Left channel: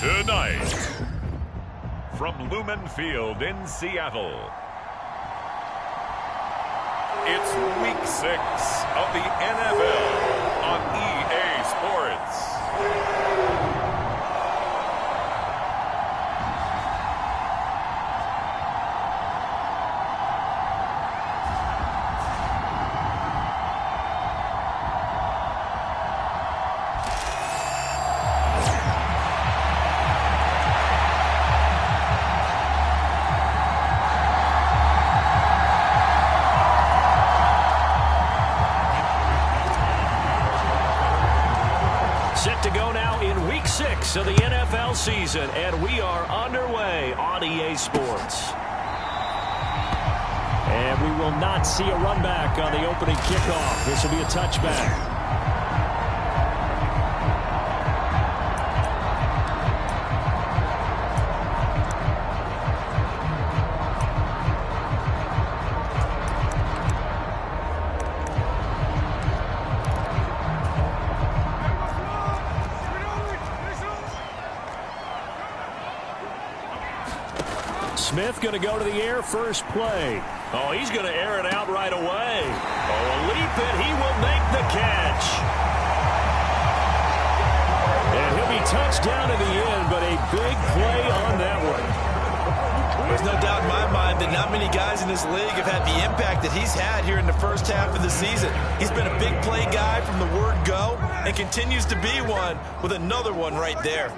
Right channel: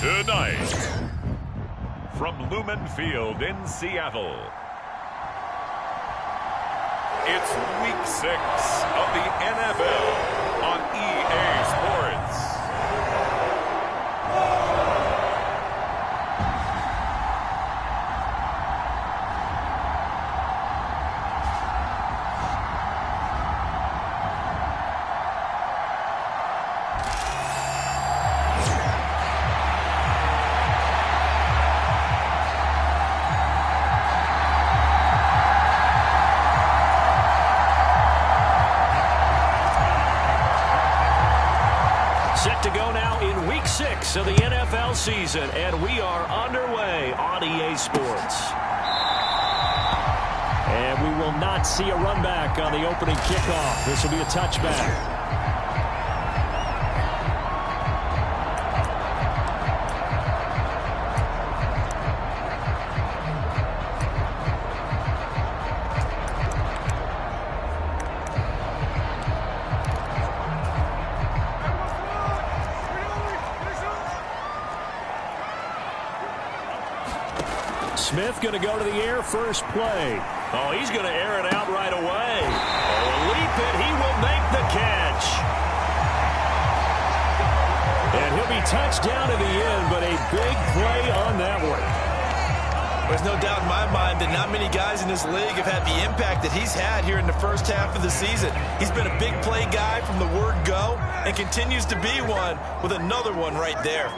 Tonight, from Lumen Field in Seattle, it's Week 6 of the NFL on EA Sports. Set to go now in Week 6 of the NFL season, and we are underway on EA Sports. And we will not see a run back on the opening kickoff. This will be a touchback. Smith going to go to the air first play. Oh, he's going to air it out right away. Oh, a leap it. He will make the catch. And he'll be touched down in the end, but a big play on that one. There's no doubt in my mind that not many guys in this league have had the impact that he's had here in the first half of the season. He's been a big play guy from the word go and continues to be one with another one right there.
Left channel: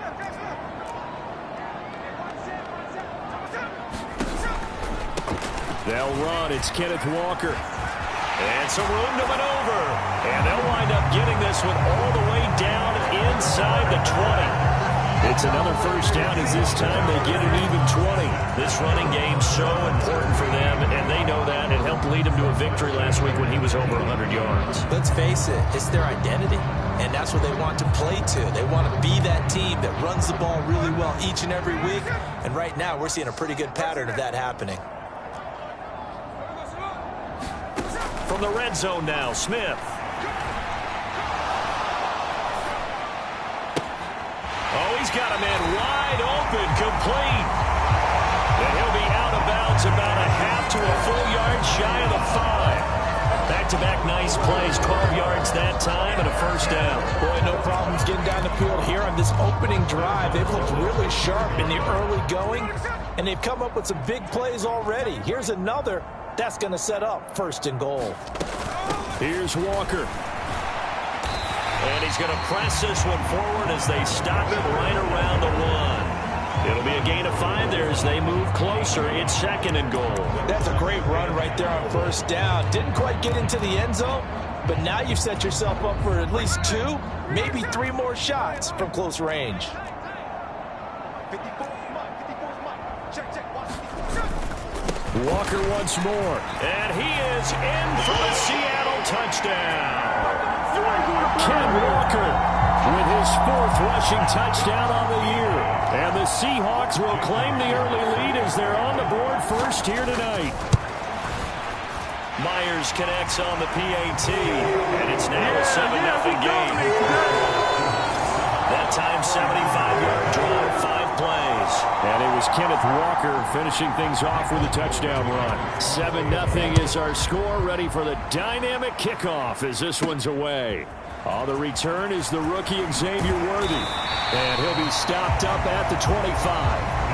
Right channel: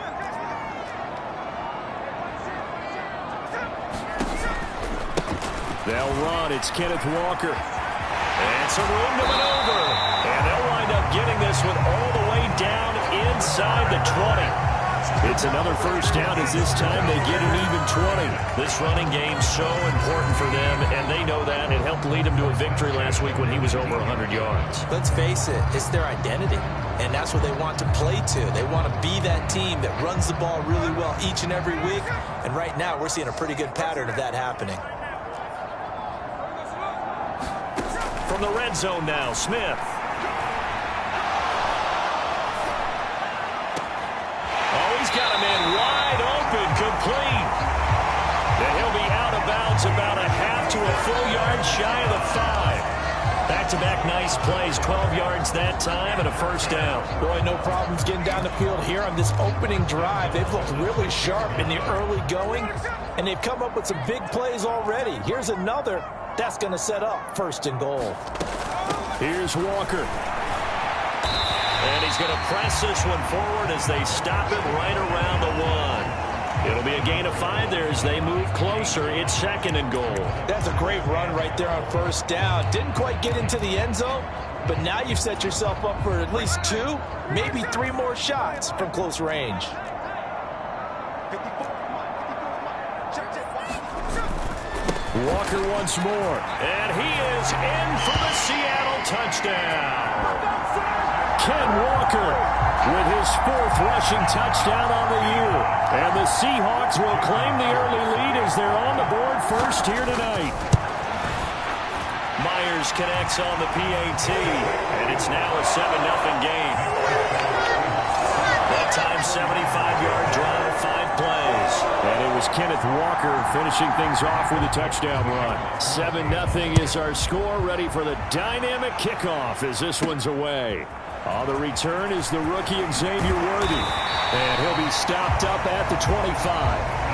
They'll run. It's Kenneth Walker. And some room to maneuver. And they'll wind up getting this one all the way down inside the 20. It's another first down as this time they get an even 20. This running game's so important for them, and they know that. It helped lead them to a victory last week when he was over 100 yards. Let's face it, it's their identity, and that's what they want to play to. They want to be that team that runs the ball really well each and every week, and right now we're seeing a pretty good pattern of that happening. From the red zone now, Smith. Oh, he's got a man wide open, complete. And he'll be out of bounds about a half to a full yard shy of the 5. Back-to-back nice plays, 12 yards that time and a first down. Boy, no problems getting down the field here on this opening drive. They've looked really sharp in the early going, and they've come up with some big plays already. Here's another. That's going to set up first and goal. Here's Walker. And he's going to press this one forward as they stop him right around the 1. It'll be a gain of 5 there as they move closer. It's second and goal. That's a great run right there on first down. Didn't quite get into the end zone, but now you've set yourself up for at least 2, maybe 3 more shots from close range. Walker once more, and he is in for the Seattle touchdown. Ken Walker with his 4th rushing touchdown on the year. And the Seahawks will claim the early lead as they're on the board first here tonight. Myers connects on the PAT, and it's now a 7-0 game. That time, 75-yard drive, 5 plays. And it was Kenneth Walker finishing things off with a touchdown run. 7-0 is our score, ready for the dynamic kickoff as this one's away. On the return is the rookie Xavier Worthy. And he'll be stopped up at the 25.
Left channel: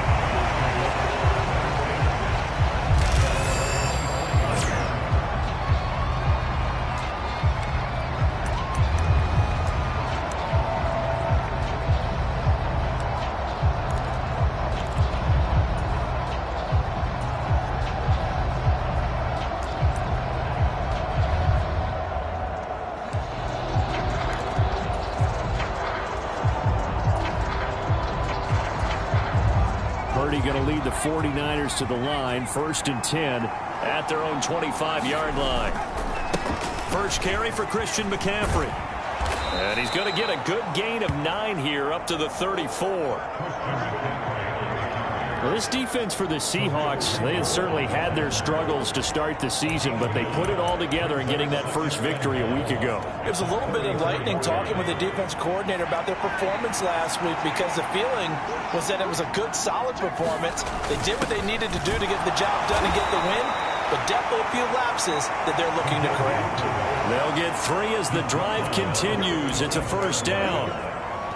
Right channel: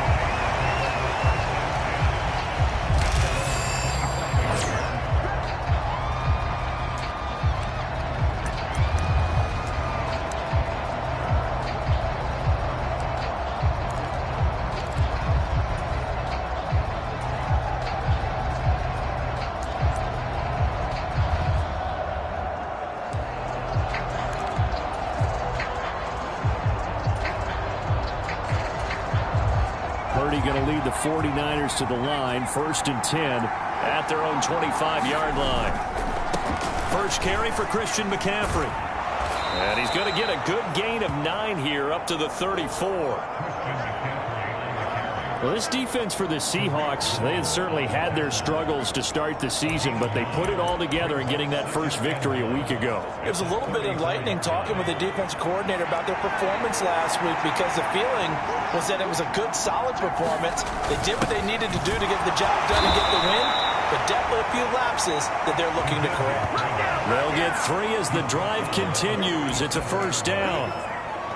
Going to lead the 49ers to the line, 1st and 10 at their own 25-yard line. First carry for Christian McCaffrey. And he's going to get a good gain of 9 here up to the 34. Well, this defense for the Seahawks, they had certainly had their struggles to start the season, but they put it all together in getting that first victory a week ago. It was a little bit enlightening talking with the defense coordinator about their performance last week, because the feeling was that it was a good, solid performance. They did what they needed to do to get the job done and get the win, but definitely a few lapses that they're looking to correct. They'll get 3 as the drive continues. It's a first down.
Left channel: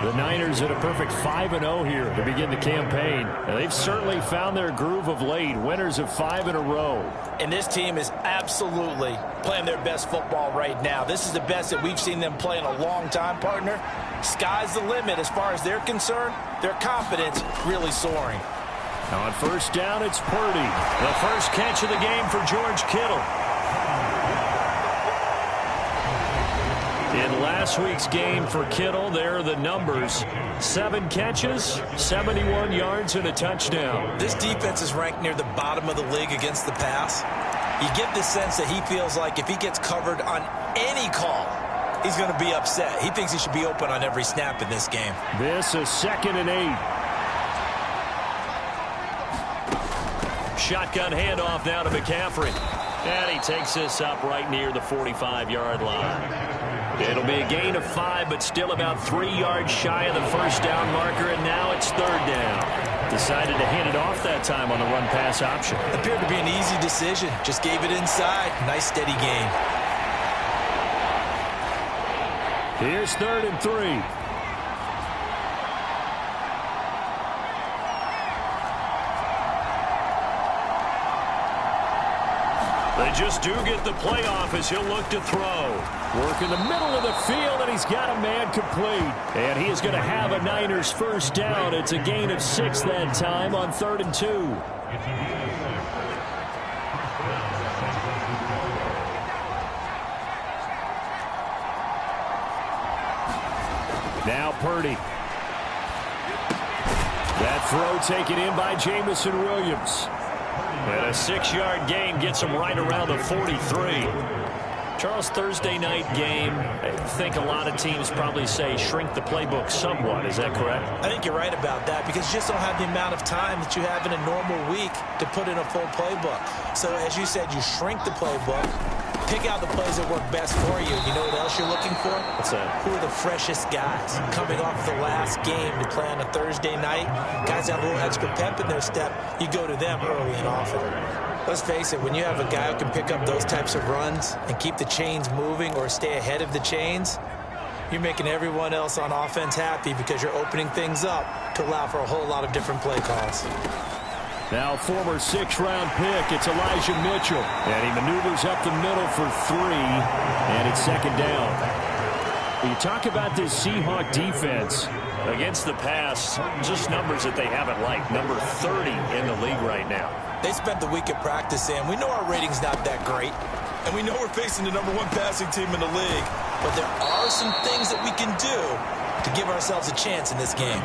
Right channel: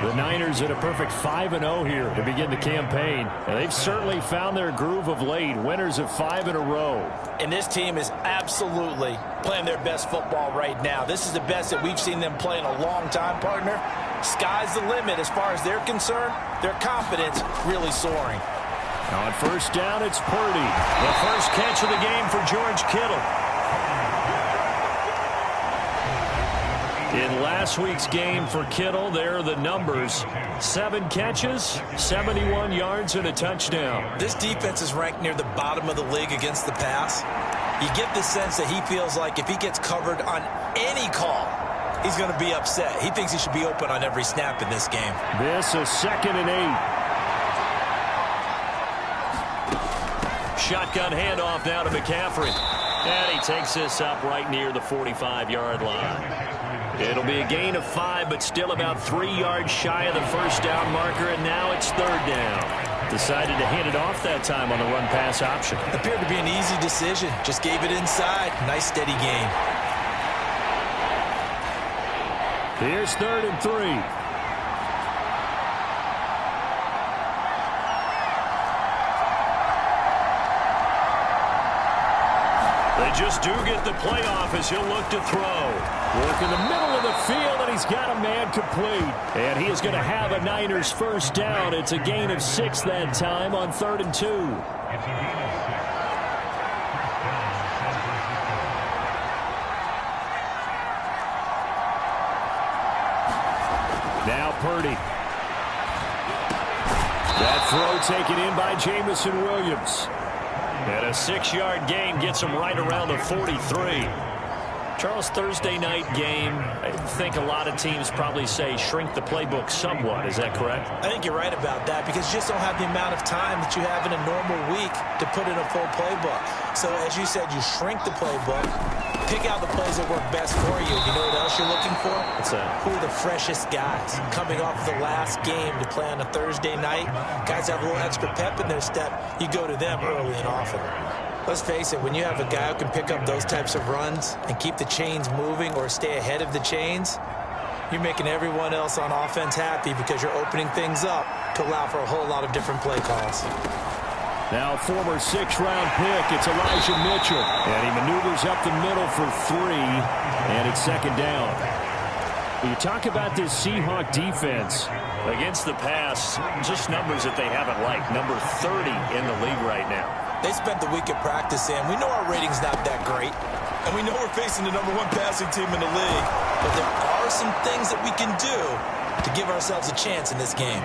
The Niners at a perfect 5-0 here to begin the campaign. And they've certainly found their groove of late. Winners of 5 in a row. And this team is absolutely playing their best football right now. This is the best that we've seen them play in a long time, partner. Sky's the limit as far as they're concerned. Their confidence really soaring. On first down, it's Purdy. The first catch of the game for George Kittle. In last week's game for Kittle, there are the numbers. 7 catches, 71 yards, and a touchdown. This defense is ranked near the bottom of the league against the pass. You get the sense that he feels like if he gets covered on any call, he's going to be upset. He thinks he should be open on every snap in this game. This a 2nd and 8. Shotgun handoff now to McCaffrey. And he takes this up right near the 45-yard line. It'll be a gain of 5, but still about 3 yards shy of the first down marker, and now it's 3rd down. Decided to hand it off that time on the run-pass option. Appeared to be an easy decision. Just gave it inside. Nice, steady gain. Here's 3rd and 3. They just do get the playoff as he'll look to throw. Work in the middle of the field, and he's got a man complete. And he is going to have a Niners first down. It's a gain of 6 that time on 3rd and 2. Now Purdy. That throw taken in by Jamison Williams. And a 6-yard gain gets him right around the 43. Charles, Thursday night game, I think a lot of teams probably say shrink the playbook somewhat. Is that correct? I think you're right about that, because you just don't have the amount of time that you have in a normal week to put in a full playbook. So as you said, you shrink the playbook, pick out the plays that work best for you. You know what else you're looking for? What's that? Who are the freshest guys coming off the last game to play on a Thursday night? Guys have a little extra pep in their step. You go to them early and often. Let's face it, when you have a guy who can pick up those types of runs and keep the chains moving or stay ahead of the chains, you're making everyone else on offense happy, because you're opening things up to allow for a whole lot of different play calls. Now former 6th-round pick, it's Elijah Mitchell. And he maneuvers up the middle for 3, and it's 2nd down. You talk about this Seahawk defense against the pass, just numbers that they haven't liked. Number 30 in the league right now. They spent the week at practice, and we know our rating's not that great. And we know we're facing the #1 passing team in the league. But there are some things that we can do to give ourselves a chance in this game.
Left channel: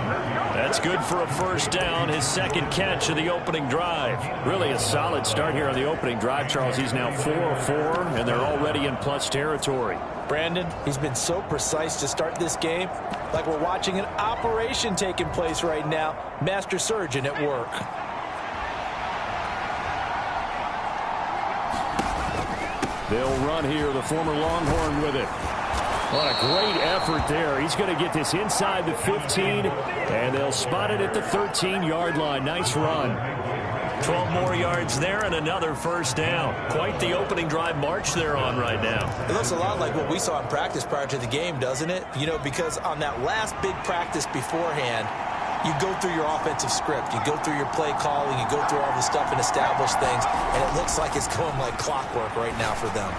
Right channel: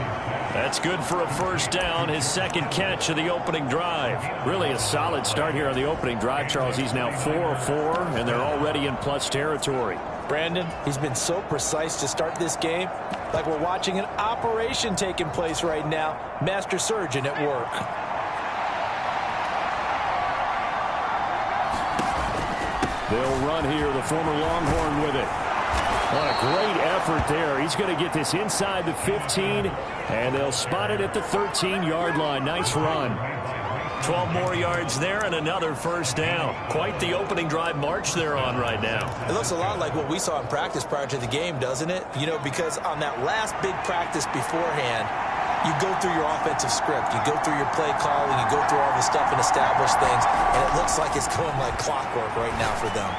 That's good for a first down, his 2nd catch of the opening drive. Really a solid start here on the opening drive, Charles. He's now 4 of 4, and they're already in plus territory. Brandon, he's been so precise to start this game, like we're watching an operation taking place right now. Master surgeon at work. They'll run here, the former Longhorn with it. What a great effort there. He's going to get this inside the 15, and they'll spot it at the 13-yard line. Nice run. 12 more yards there and another first down. Quite the opening drive march they're on right now. It looks a lot like what we saw in practice prior to the game, doesn't it? You know, because on that last big practice beforehand, you go through your offensive script. You go through your play calling. You go through all the stuff and establish things. And it looks like it's going like clockwork right now for them.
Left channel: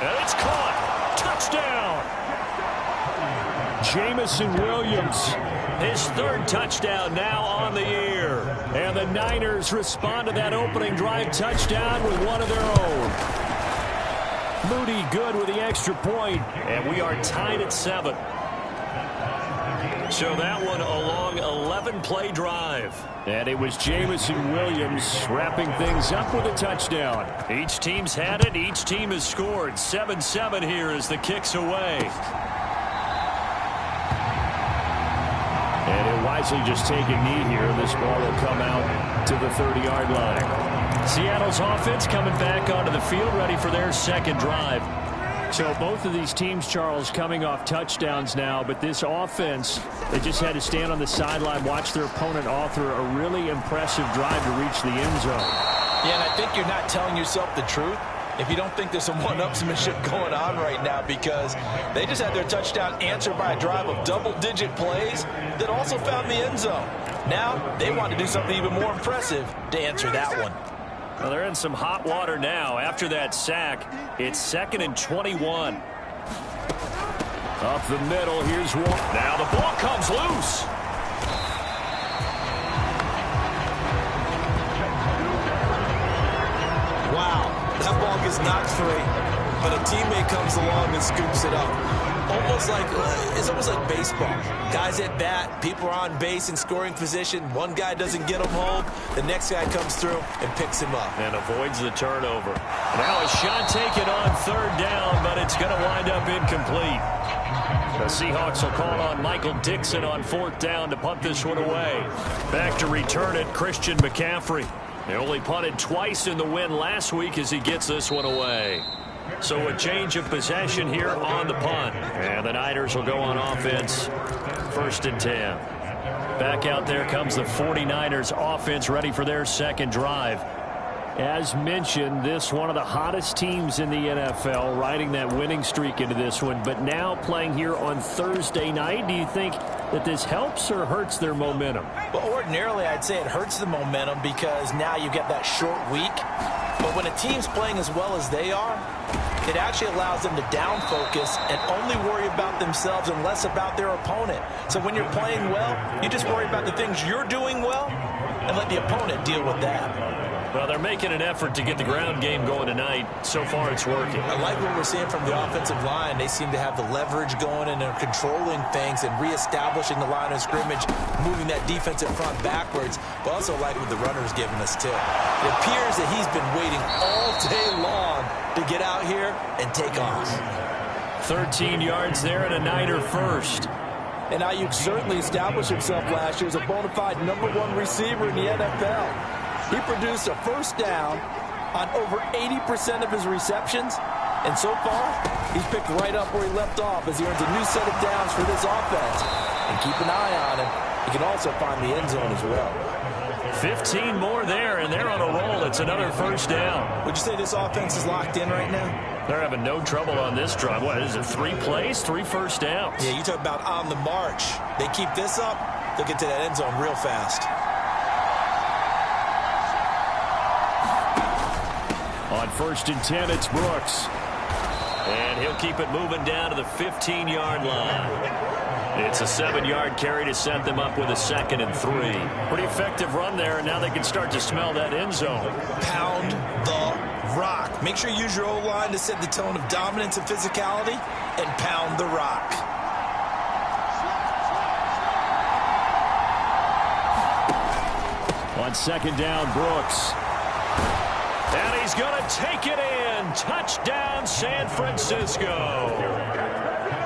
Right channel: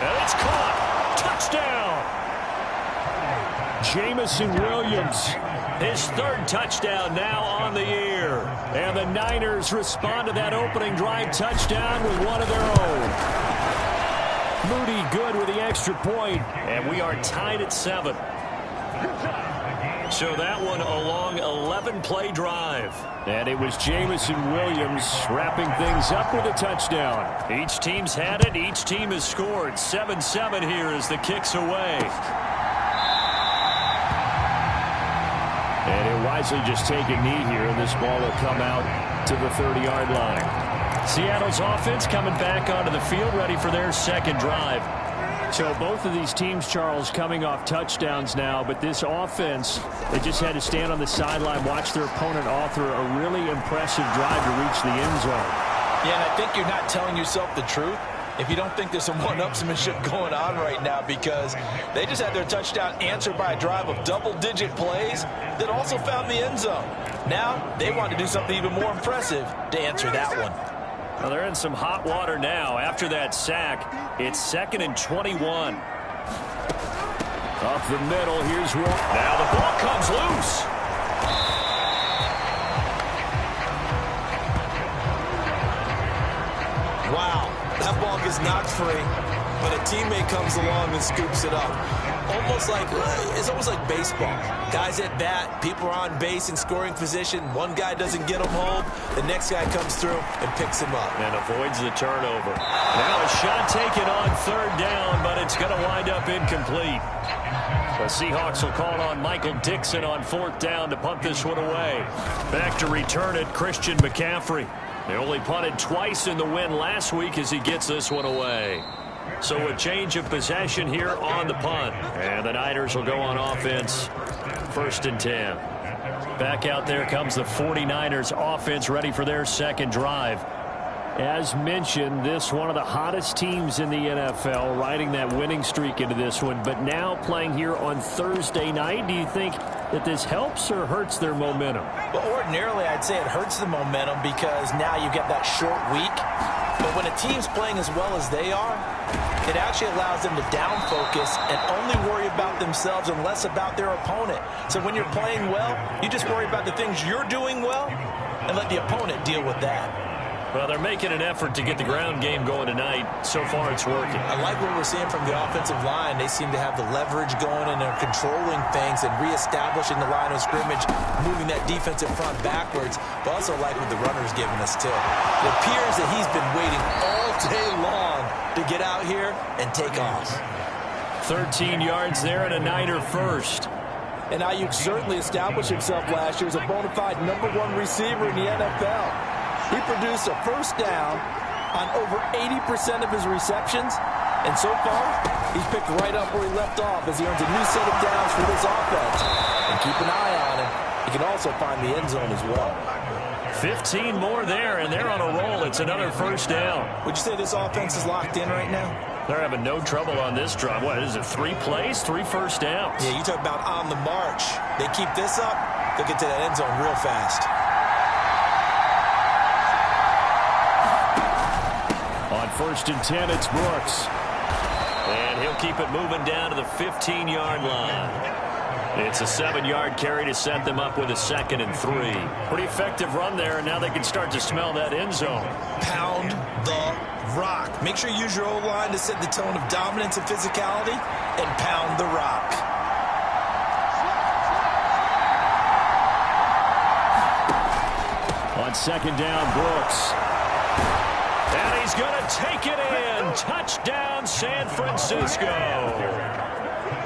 And it's caught. Touchdown. Jamison Williams. His 3rd touchdown now on the year. And the Niners respond to that opening drive touchdown with one of their own. Moody good with the extra point. And we are tied at 7. So that one a long 11-play drive. And it was Jamison Williams wrapping things up with a touchdown. Each team's had it. Each team has scored. 7-7 here as the kick's away. And he'll wisely just take a knee here, and this ball will come out to the 30-yard line. Seattle's offense coming back onto the field, ready for their second drive. So both of these teams, Charles, coming off touchdowns now, but this offense, they just had to stand on the sideline, watch their opponent author a really impressive drive to reach the end zone. Yeah, and I think you're not telling yourself the truth if you don't think there's some one-upsmanship going on right now, because they just had their touchdown answered by a drive of double-digit plays that also found the end zone. Now they want to do something even more impressive to answer that one. Well, they're in some hot water now. After that sack, it's 2nd and 21. Up the middle, here's one. Now the ball comes loose. Wow, that ball gets knocked free, but a teammate comes along and scoops it up. It's almost like baseball. Guys at bat, people are on base in scoring position. One guy doesn't get him home. The next guy comes through and picks him up. And avoids the turnover. Now a shot taken on 3rd down, but it's going to wind up incomplete. The Seahawks will call on Michael Dixon on 4th down to punt this one away. Back to return it, Christian McCaffrey. They only punted twice in the win last week as he gets this one away. So a change of possession here on the punt. And the Niners will go on offense. 1st and 10. Back out there comes the 49ers offense, ready for their second drive. As mentioned, this one of the hottest teams in the NFL, riding that winning streak into this one, but now playing here on Thursday night. Do you think that this helps or hurts their momentum? Well, ordinarily, I'd say it hurts the momentum because now you get that short week. But when a team's playing as well as they are, it actually allows them to down focus and only worry about themselves and less about their opponent. So when you're playing well, you just worry about the things you're doing well and let the opponent deal with that. Well, they're making an effort to get the ground game going tonight. So far, it's working. I like what we're seeing from the offensive line. They seem to have the leverage going, and they're controlling things and reestablishing the line of scrimmage, moving that defensive front backwards, but also like what the runner's giving us, too. It appears that he's been waiting all day long to get out here and take off. 13 yards there and a Niner first. And Ayuk certainly established himself last year as a bona fide #1 receiver in the NFL. He produced a first down on over 80% of his receptions. And so far, he's picked right up where he left off as he earns a new set of downs for this offense. And keep an eye on him. He can also find the end zone as well. 15 more there, and they're on a roll. It's another first down. Would you say this offense is locked in right now? They're having no trouble on this drive. What is it, 3 plays, 3 first downs? Yeah, you talk about on the march. They keep this up, they'll get to that end zone real fast. On 1st and 10, it's Brooks. And he'll keep it moving down to the 15-yard line. It's a 7-yard carry to set them up with a 2nd and 3. Pretty effective run there, and now they can start to smell that end zone. Pound the rock. Make sure you use your O-line to set the tone of dominance and physicality, and pound the rock. On 2nd down, Brooks. And he's going to take it in. Touchdown, San Francisco.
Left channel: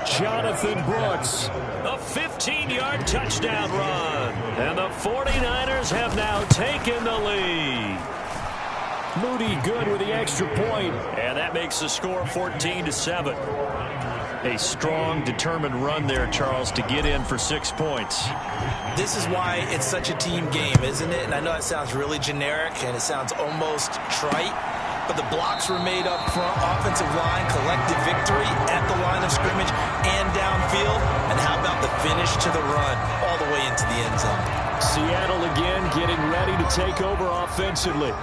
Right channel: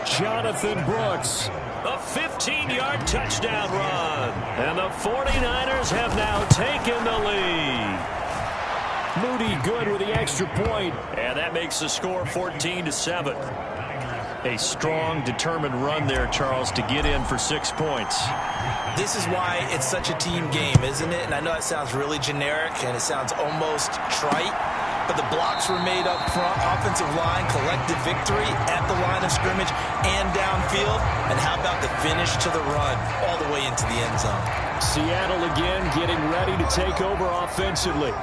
Jonathan Brooks, a 15-yard touchdown run. And the 49ers have now taken the lead. Moody good with the extra point. And that makes the score 14-7. A strong, determined run there, Charles, to get in for 6 points. This is why it's such a team game, isn't it? And I know it sounds really generic and it sounds almost trite, but the blocks were made up front, offensive line, collective victory at the line of scrimmage and downfield. And how about the finish to the run all the way into the end zone? Seattle again getting ready to take over offensively.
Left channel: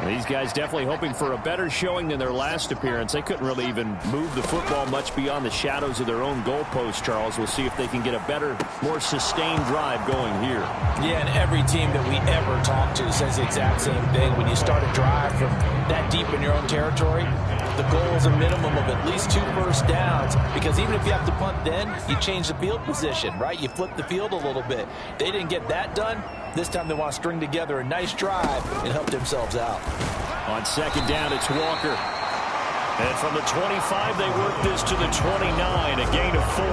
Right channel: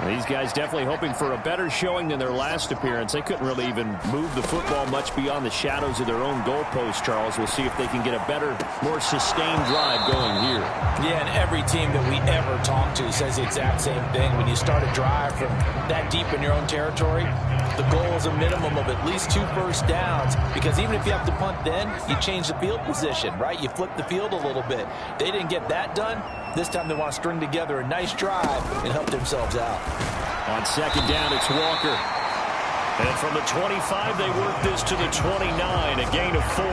These guys definitely hoping for a better showing than their last appearance. They couldn't really even move the football much beyond the shadows of their own goalpost, Charles. We'll see if they can get a better, more sustained drive going here. Yeah, and every team that we ever talk to says the exact same thing. When you start a drive from that deep in your own territory, the goal is a minimum of at least 2 first downs, because even if you have to punt then, you change the field position, right? You flip the field a little bit. They didn't get that done. This time they want to string together a nice drive and help themselves out. On 2nd down, it's Walker. And from the 25, they work this to the 29, a gain of 4.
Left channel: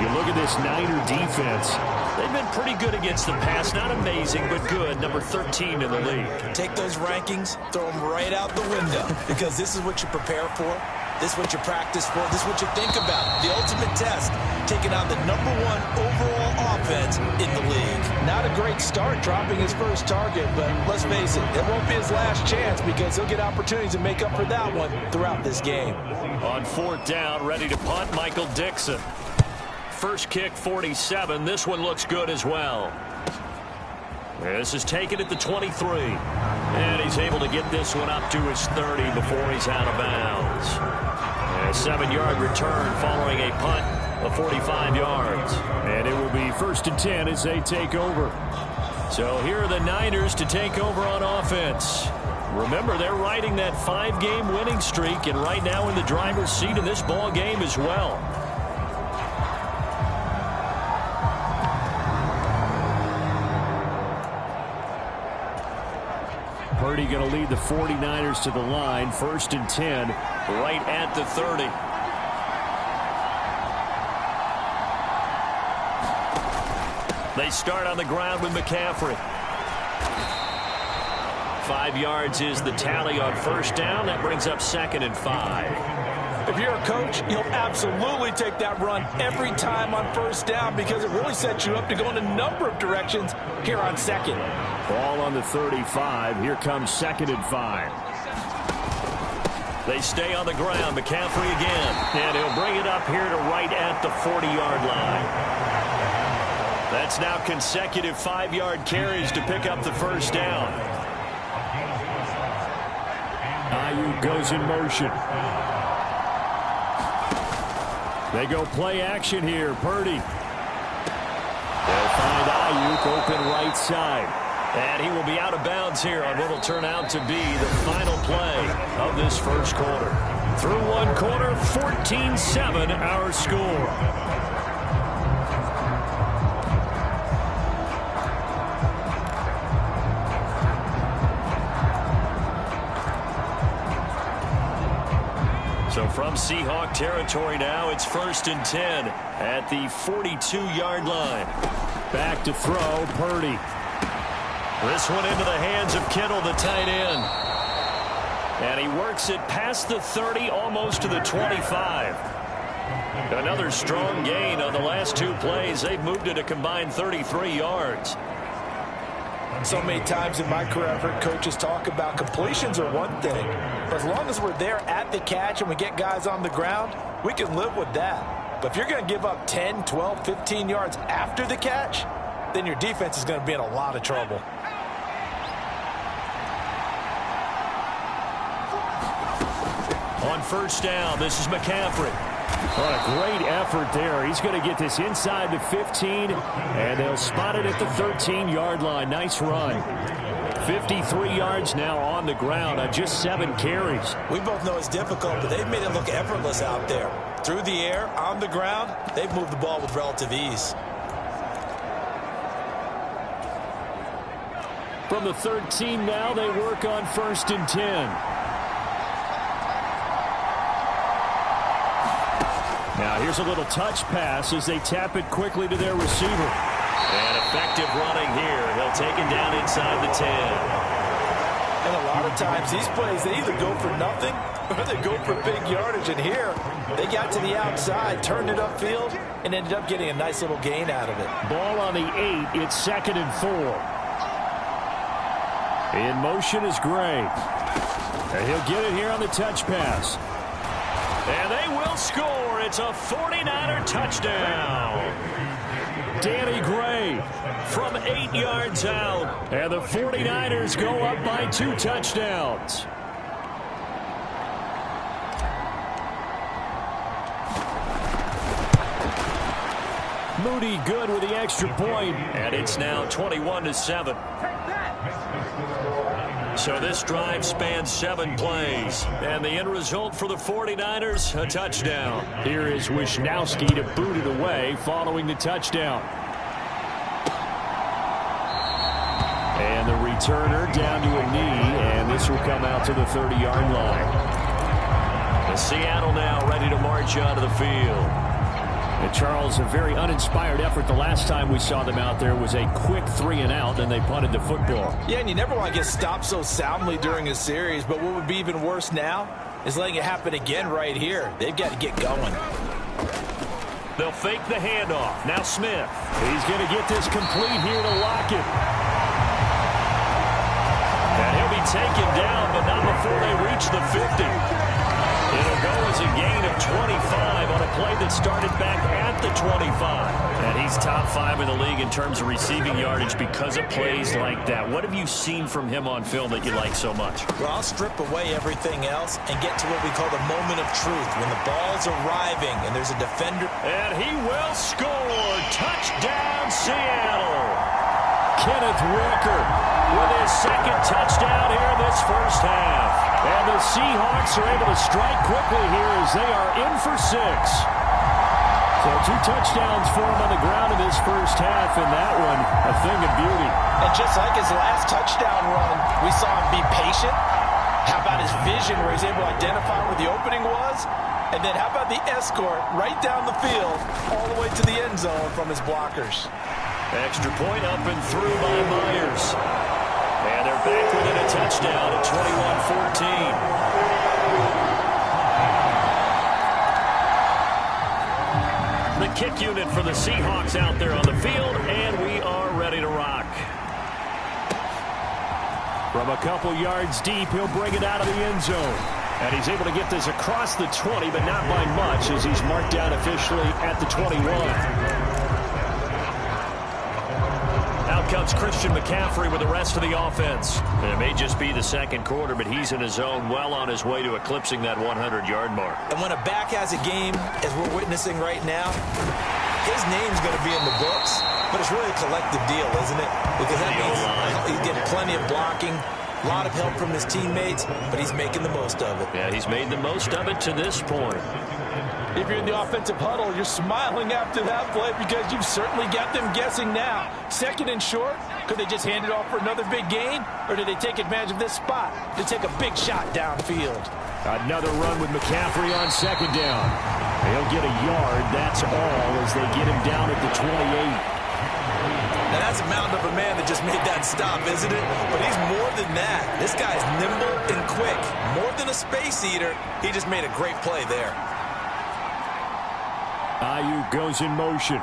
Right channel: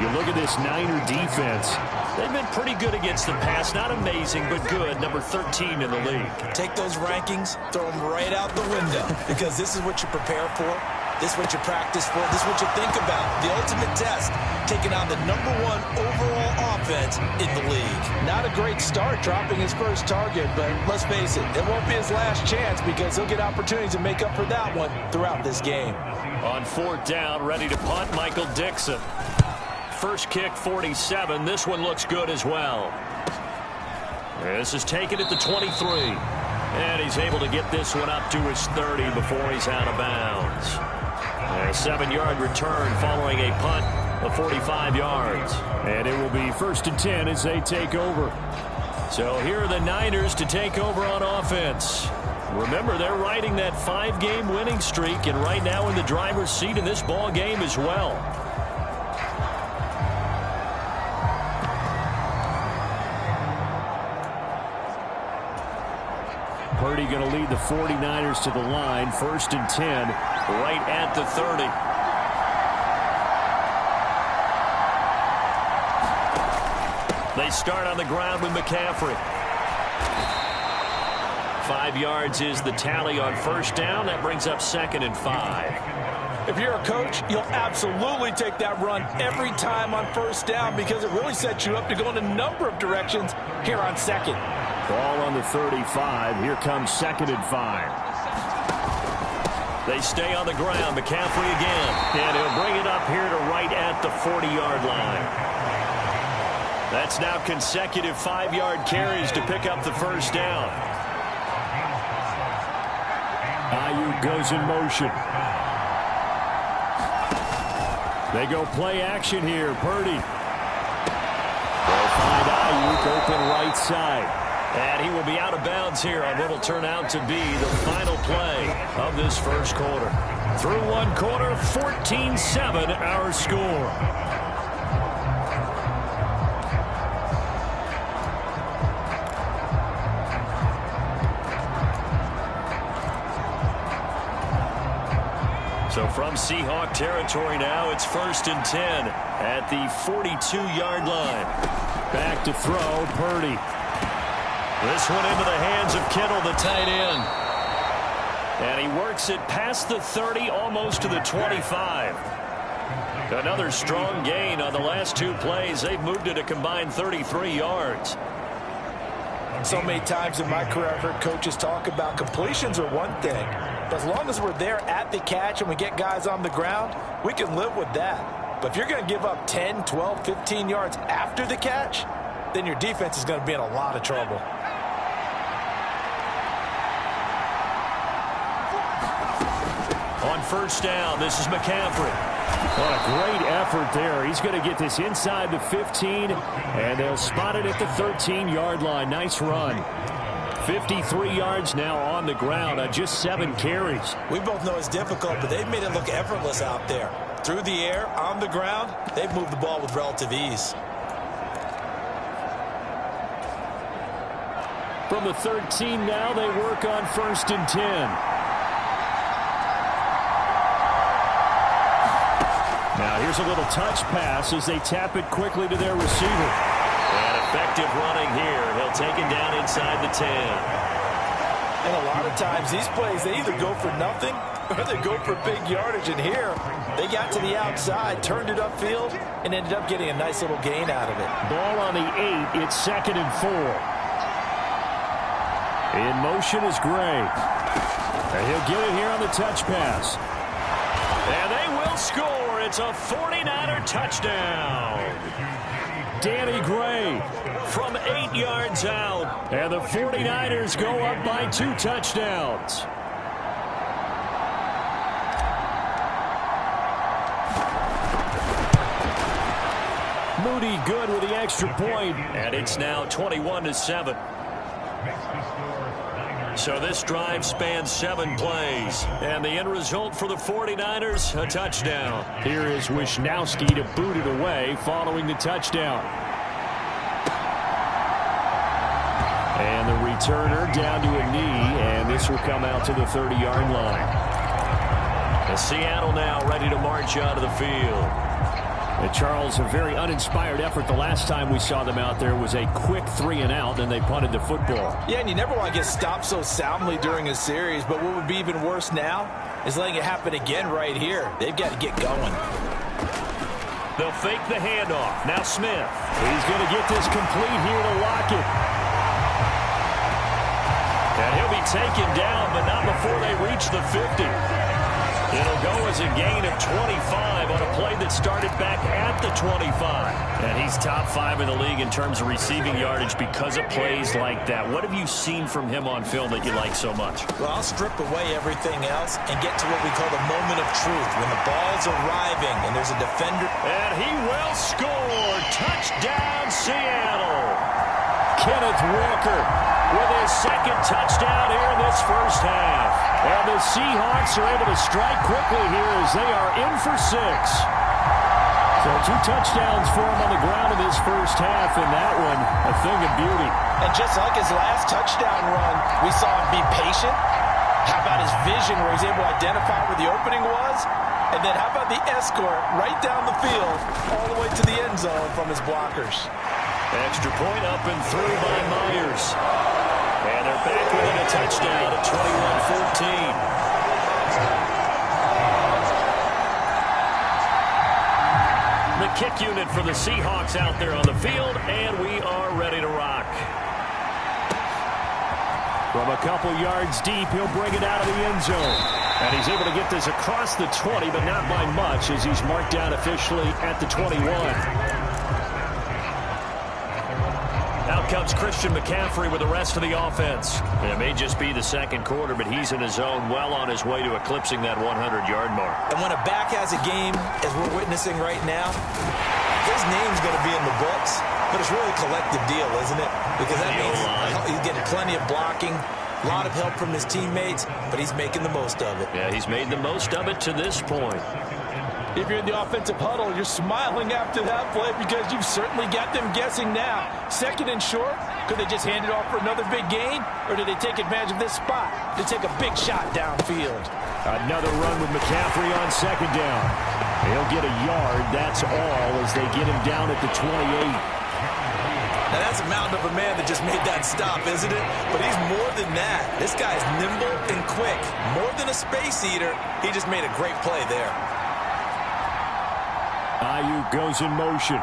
You look at this Niner defense. They've been pretty good against the pass. Not amazing, but good. Number 13 in the league. Take those rankings, throw them right out the window, because this is what you prepare for. This is what you practice for. This is what you think about. The ultimate test, taking on the #1 overall offense in the league. Not a great start dropping his first target, but let's face it, it won't be his last chance because he'll get opportunities to make up for that one throughout this game. On 4th down, ready to punt, Michael Dixon. First kick, 47. This one looks good as well. This is taken at the 23. And he's able to get this one up to his 30 before he's out of bounds. A 7-yard return following a punt of 45 yards. And it will be 1st and 10 as they take over. So here are the Niners to take over on offense. Remember, they're riding that 5-game winning streak, and right now in the driver's seat in this ball game as well. Purdy going to lead the 49ers to the line. 1st and 10. Right at the 30. They start on the ground with McCaffrey. 5 yards is the tally on 1st down. That brings up 2nd and 5. If you're a coach, you'll absolutely take that run every time on 1st down because it really sets you up to go in a number of directions here on 2nd. Ball on the 35. Here comes 2nd and 5. They stay on the ground. McCaffrey again. And he'll bring it up here to right at the 40-yard line. That's now consecutive 5-yard carries to pick up the 1st down. Ayuk goes in motion. They go play action here. Purdy. They'll find Ayuk open right side. And he will be out of bounds here on what will turn out to be the final play of this 1st quarter. Through 1 quarter, 14-7 our score. So from Seahawk territory now, it's 1st and 10 at the 42-yard line. Back to throw, Purdy. This one into the hands of Kittle, the tight end. And he works it past the 30, almost to the 25. Another strong gain on the last 2 plays. They've moved it a combined 33 yards. So many times in my career, I've heard coaches talk about completions are one thing. But as long as we're there at the catch and we get guys on the ground, we can live with that. But if you're going to give up 10, 12, 15 yards after the catch, then your defense is going to be in a lot of trouble. On 1st down, this is McCaffrey. What a great effort there. He's going to get this inside the 15, and they'll spot it at the 13-yard line. Nice run. 53 yards now on the ground on just 7 carries. We both know it's difficult, but they've made it look effortless out there. Through the air, on the ground, they've moved the ball with relative ease. From the 13 now, they work on 1st and 10. Now here's a little touch pass as they tap it quickly to their receiver. And effective running here. He'll take it down inside the 10. And a lot of times these plays, they either go for nothing or they go for big yardage. And here, they got to the outside, turned it upfield, and ended up getting a nice little gain out of it. Ball on the 8. It's 2nd and 4. In motion is Gray. And he'll get it here on the touch pass. And they will score. It's a 49er touchdown. Danny Gray from 8 yards out. And the 49ers go up by 2 touchdowns. Moody good with the extra point. And it's now 21-7. So this drive spans 7 plays. And the end result for the 49ers, a touchdown. Here is Wisnowski to boot it away following the touchdown. And the returner down to a knee, and this will come out to the 30-yard line. And Seattle now ready to march out of the field. And Charles, a very uninspired effort. The last time we saw them out there was a quick 3-and-out, and they punted the football. Yeah, and you never want to get stopped so soundly during a series, but what would be even worse now is letting it happen again right here. They've got to get going. They'll fake the handoff. Now Smith. He's going to get this complete here to Lockett. And he'll be taken down, but not before they reach the 50. It'll go as a gain of 25 on a play that started back at the 25. And he's top 5 in the league in terms of receiving yardage because of plays like that. What have you seen from him on film that you like so much? Well, I'll strip away everything else and get to what we call the moment of truth, when the ball's arriving and there's a defender. And he will score. Touchdown, Seattle. Kenneth Walker with his second touchdown here in this first half. And the Seahawks are able to strike quickly here as they are in for 6. So 2 touchdowns for him on the ground in this first half, and that one a thing of beauty. And just like his last touchdown run, we saw him be patient. How about his vision where he's able to identify where the opening was? And then how about the escort right down the field all the way to the end zone from his blockers? Extra point up and through by Myers. And they're back within a touchdown at 21-14. The kick unit for the Seahawks out there on the field, and we are ready to rock. From a couple yards deep, he'll bring it out of the end zone. And he's able to get this across the 20, but not by much, as he's marked down officially at the 21. Out comes Christian McCaffrey with the rest of the offense. And it may just be the second quarter, but he's in his zone, well on his way to eclipsing that 100-yard mark. And when a back has a game, as we're witnessing right now, his name's going to be in the books, but it's really a collective deal, isn't it? Because that means he's getting plenty of blocking, a lot of help from his teammates, but he's making the most of it. Yeah, he's made the most of it to this point. If you're in the offensive huddle, you're smiling after that play because you've certainly got them guessing now. Second and short, could they just hand it off for another big gain? Or did they take advantage of this spot to take a big shot downfield? Another run with McCaffrey on second down. He'll get a yard, that's all, as they get him down at the 28. Now that's a mountain of a man that just made that stop, isn't it? But he's more than that. This guy's nimble and quick. More than a space eater, he just made a great play there. Ayuk goes in motion.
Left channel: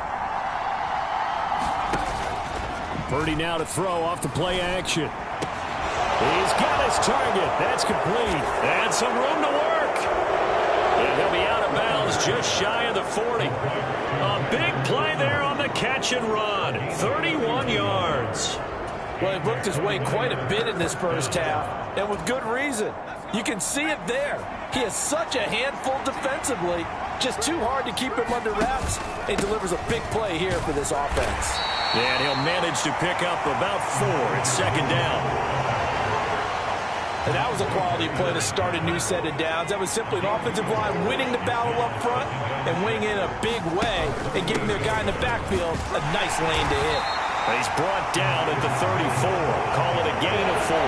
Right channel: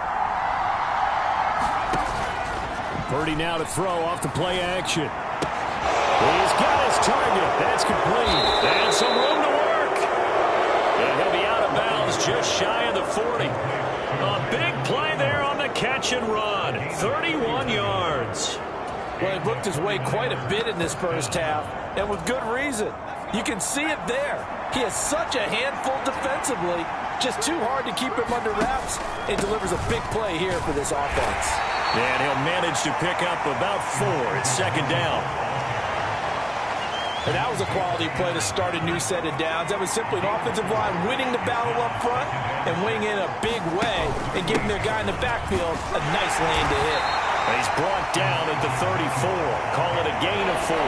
Purdy now to throw off the play action. He's got his target. That's complete. And some room to work. And he'll be out of bounds just shy of the 40. A big play there on the catch and run. 31 yards. Well, he worked his way quite a bit in this first half, and with good reason. You can see it there. He has such a handful defensively. Just too hard to keep him under wraps, and delivers a big play here for this offense. And he'll manage to pick up about 4. It's second down. And that was a quality play to start a new set of downs. That was simply an offensive line winning the battle up front and winning in a big way and giving their guy in the backfield a nice lane to hit. And he's brought down at the 34. Call it a gain of 4.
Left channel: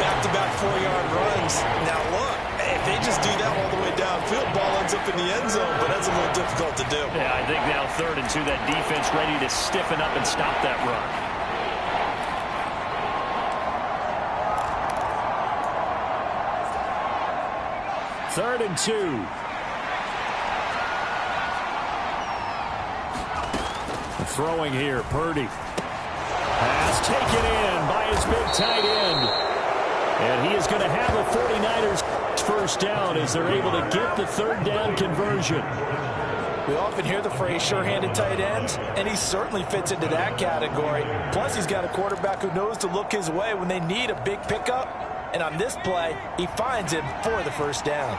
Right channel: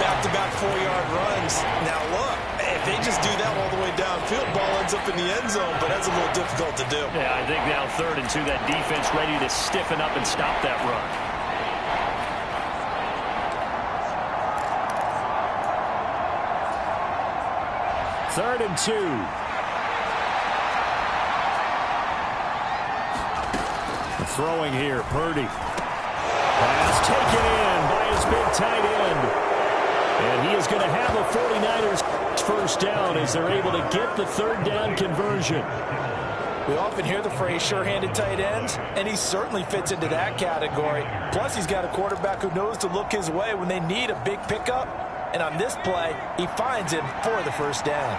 Back-to-back 4-yard runs. Now look, if they just do that all the way downfield, ball ends up in the end zone, but that's a little difficult to do. Yeah, I think now 3rd and 2, that defense ready to stiffen up and stop that run. Third and 2. Throwing here, Purdy. Pass taken in by his big tight end. And he is going to have a 49ers first down as they're able to get the 3rd down conversion. We often hear the phrase sure-handed tight ends, and he certainly fits into that category. Plus, he's got a quarterback who knows to look his way when they need a big pickup. And on this play, he finds him for the first down.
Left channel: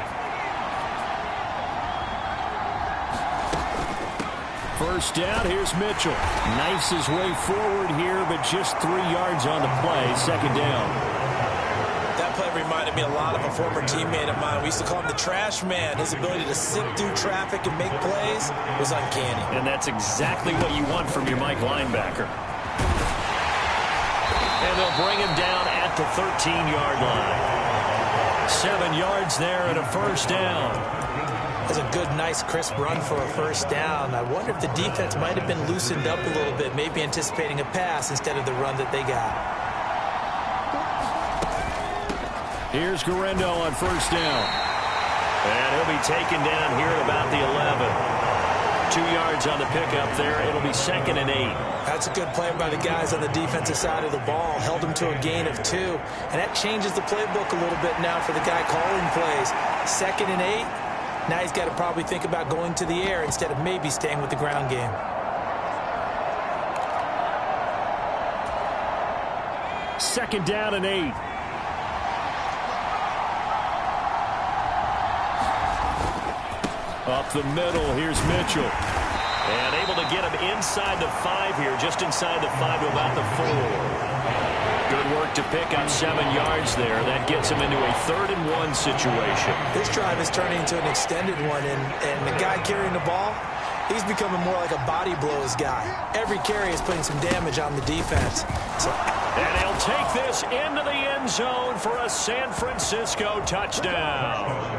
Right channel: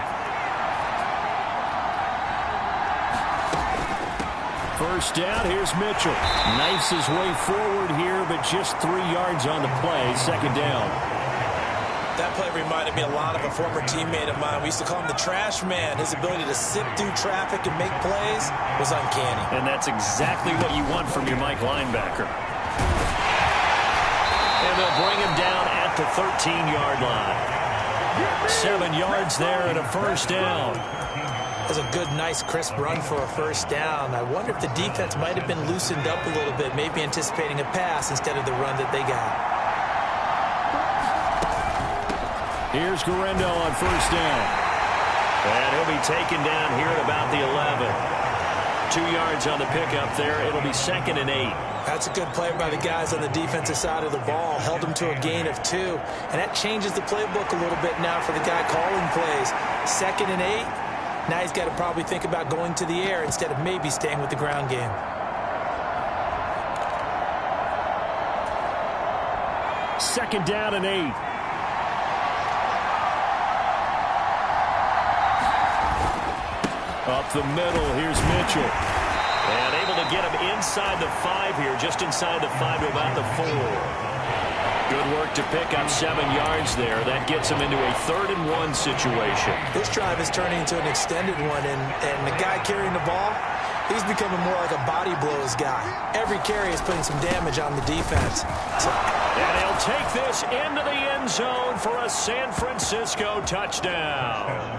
First down, here's Mitchell. Knifes his way forward here, but just 3 yards on the play. Second down. That play reminded me a lot of a former teammate of mine. We used to call him the trash man. His ability to sift through traffic and make plays was uncanny. And that's exactly what you want from your Mike linebacker. And they'll bring him down at the 13-yard line. 7 yards there and a first down. That's a good, nice, crisp run for a first down. I wonder if the defense might have been loosened up a little bit, maybe anticipating a pass instead of the run that they got. Here's Guerrero on first down. And he'll be taken down here at about the 11. 2 yards on the pickup there. It'll be 2nd and 8. That's a good play by the guys on the defensive side of the ball. Held them to a gain of 2. And that changes the playbook a little bit now for the guy calling plays. 2nd and 8. Now he's got to probably think about going to the air instead of maybe staying with the ground game. Second down and 8. Up the middle, here's Mitchell. And able to get him inside the 5 here, just inside the 5 to about the 4. Good work to pick up 7 yards there. That gets him into a 3rd and 1 situation. This drive is turning into an extended one, and the guy carrying the ball, he's becoming more like a body blows guy. Every carry is putting some damage on the defense. And he'll take this into the end zone for a San Francisco touchdown.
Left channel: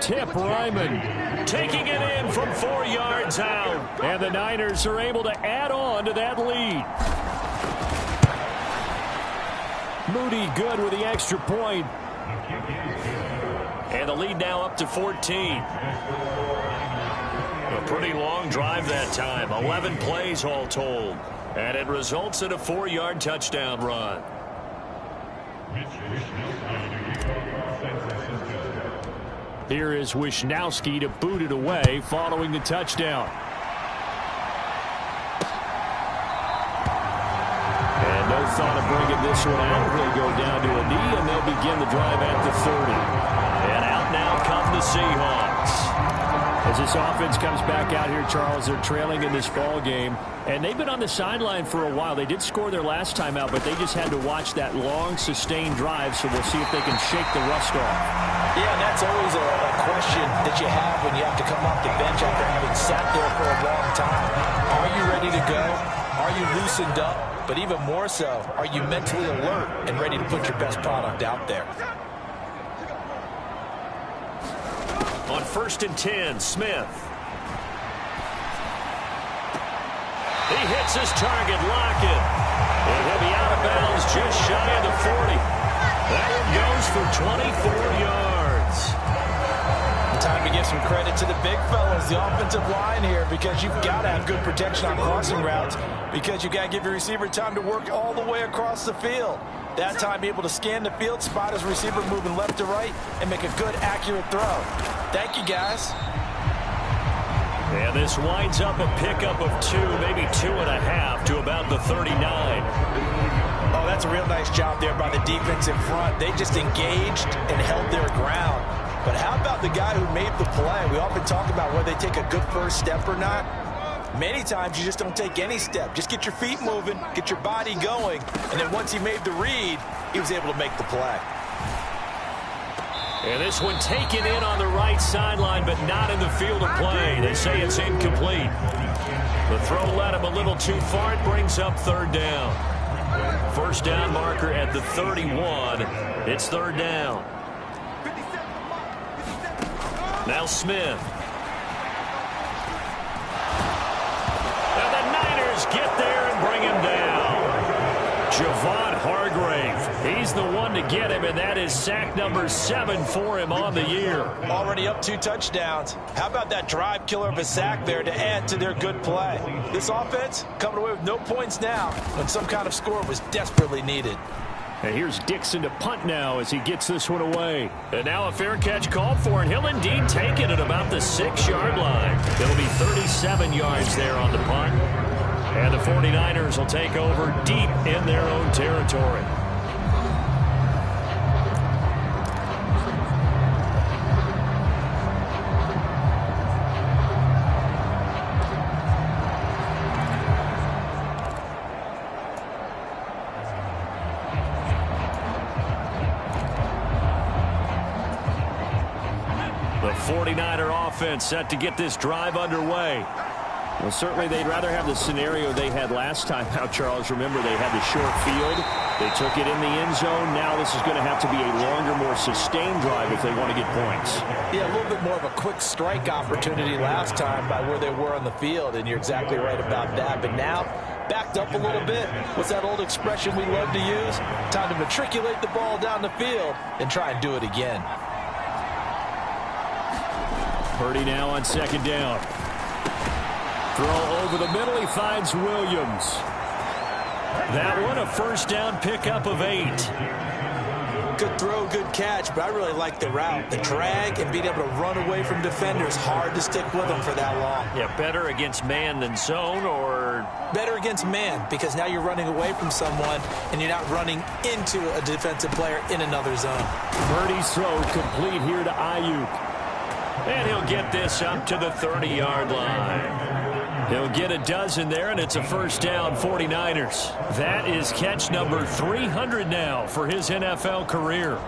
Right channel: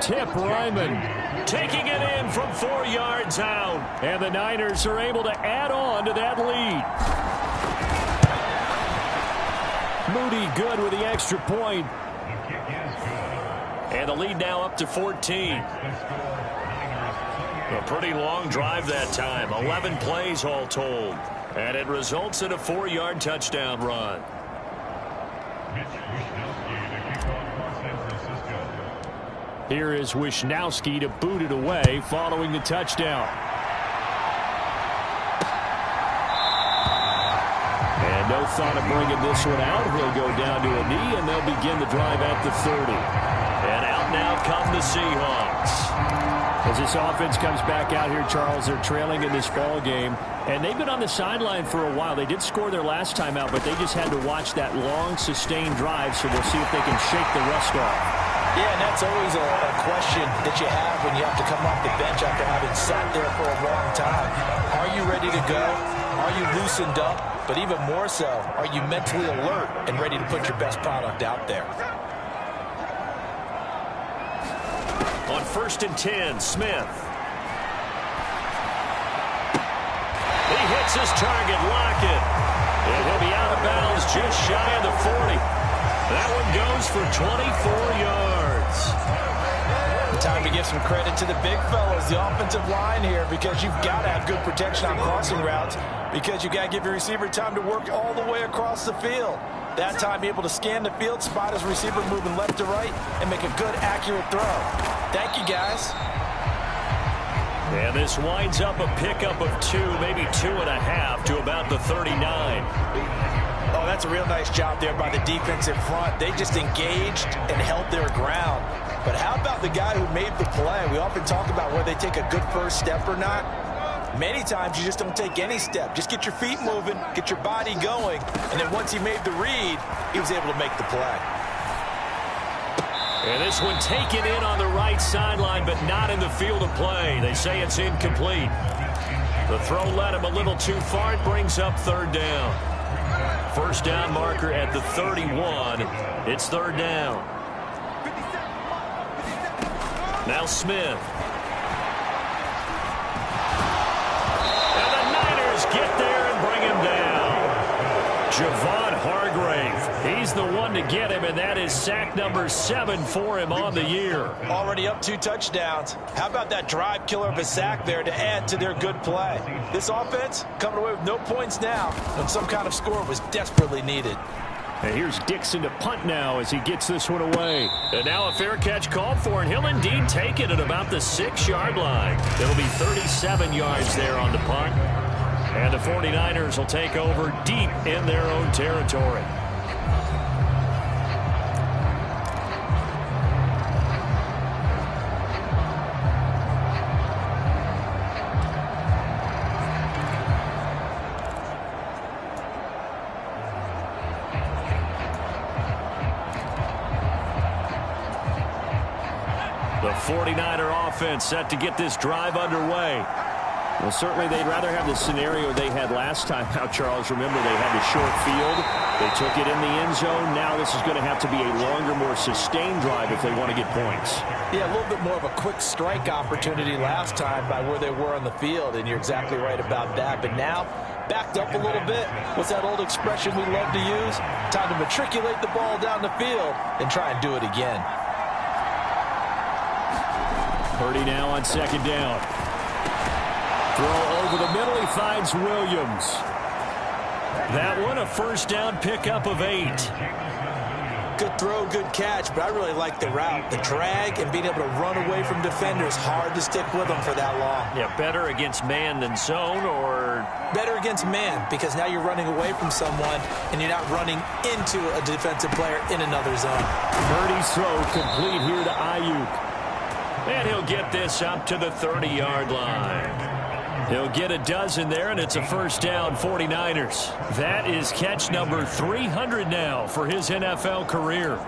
Tip Ryman taking it in from 4 yards out. And the Niners are able to add on to that lead. Moody good with the extra point. And the lead now up to 14. A pretty long drive that time. 11 plays all told. And it results in a 4-yard touchdown run. Here is Wishnowsky to boot it away following the touchdown. And no thought of bringing this one out. He'll go down to a knee, and they'll begin the drive at the 30. And out now come the Seahawks. As this offense comes back out here, Charles, they're trailing in this ball game. And they've been on the sideline for a while. They did score their last time out, but they just had to watch that long, sustained drive. So we'll see if they can shake the rust off. Yeah, and that's always a question that you have when you have to come off the bench after having sat there for a long time. Are you ready to go? Are you loosened up? But even more so, are you mentally alert and ready to put your best product out there? On 1st and 10, Smith. He hits his target, Lockett. And he'll be out of bounds just shy of the 40. That one goes for 24 yards. And time to give some credit to the big fellas, the offensive line here, because you've got to have good protection on crossing routes, because you've got to give your receiver time to work all the way across the field. That time, be able to scan the field, spot his receiver moving left to right, and make a good, accurate throw. Thank you, guys. And this winds up a pickup of 2, maybe 2.5 to about the 39. Oh, that's a real nice job there by the defense in front. They just engaged and held their ground. But how about the guy who made the play? We often talk about whether they take a good first step or not. Many times you just don't take any step. Just get your feet moving, get your body going, and then once he made the read, he was able to make the play. And this one taken in on the right sideline, but not in the field of play. They say it's incomplete. The throw led him a little too far. It brings up 3rd down. First down marker at the 31. It's 3rd down. Now Smith. And the Niners get there and bring him down. Javon Hargrave. He's the one to get him, and that is sack number 7 for him on the year. Already up 2 touchdowns. How about that drive killer of a sack there to add to their good play? This offense coming away with no points now when some kind of score was desperately needed. And here's Dixon to punt now as he gets this one away. And now a fair catch called for, and he'll indeed take it at about the 6-yard line. It'll be 37 yards there on the punt. And the 49ers will take over deep in their own territory. The 49er offense set to get this drive underway. Well, certainly they'd rather have the scenario they had last time out, Charles. Remember, they had the short field. They took it in the end zone. Now this is going to have to be a longer, more sustained drive if they want to get points. Yeah, a little bit more of a quick strike opportunity last time by where they were on the field, and you're exactly right about that. But now, backed up a little bit. What's that old expression we love to use? Time to matriculate the ball down the field and try and do it again. Purdy now on second down. Throw over the middle. He finds Williams. That one, a first down pickup of 8. Good throw, good catch, but I really like the route. The drag and being able to run away from defenders, hard to stick with them for that long. Yeah, better against man than zone, or? Better against man, because now you're running away from someone and you're not running into a defensive player in another zone. Purdy's throw complete here to Ayuk. And he'll get this up to the 30-yard line. He'll get a dozen there, and it's a first down, 49ers. That is catch number 300 now for his NFL career.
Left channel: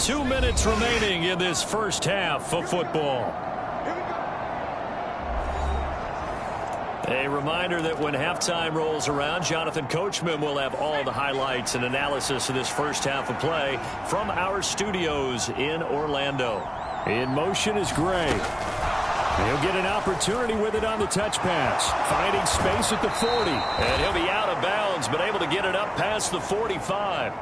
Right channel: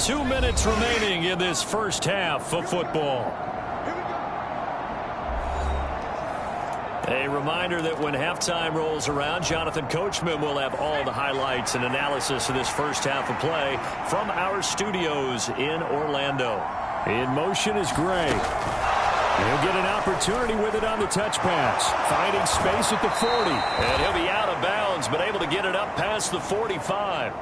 Two minutes remaining in this first half of football. A reminder that when halftime rolls around, Jonathan Coachman will have all the highlights and analysis of this first half of play from our studios in Orlando. In motion is Gray. He'll get an opportunity with it on the touch pass. Finding space at the 40. And he'll be out of bounds, but able to get it up past the 45.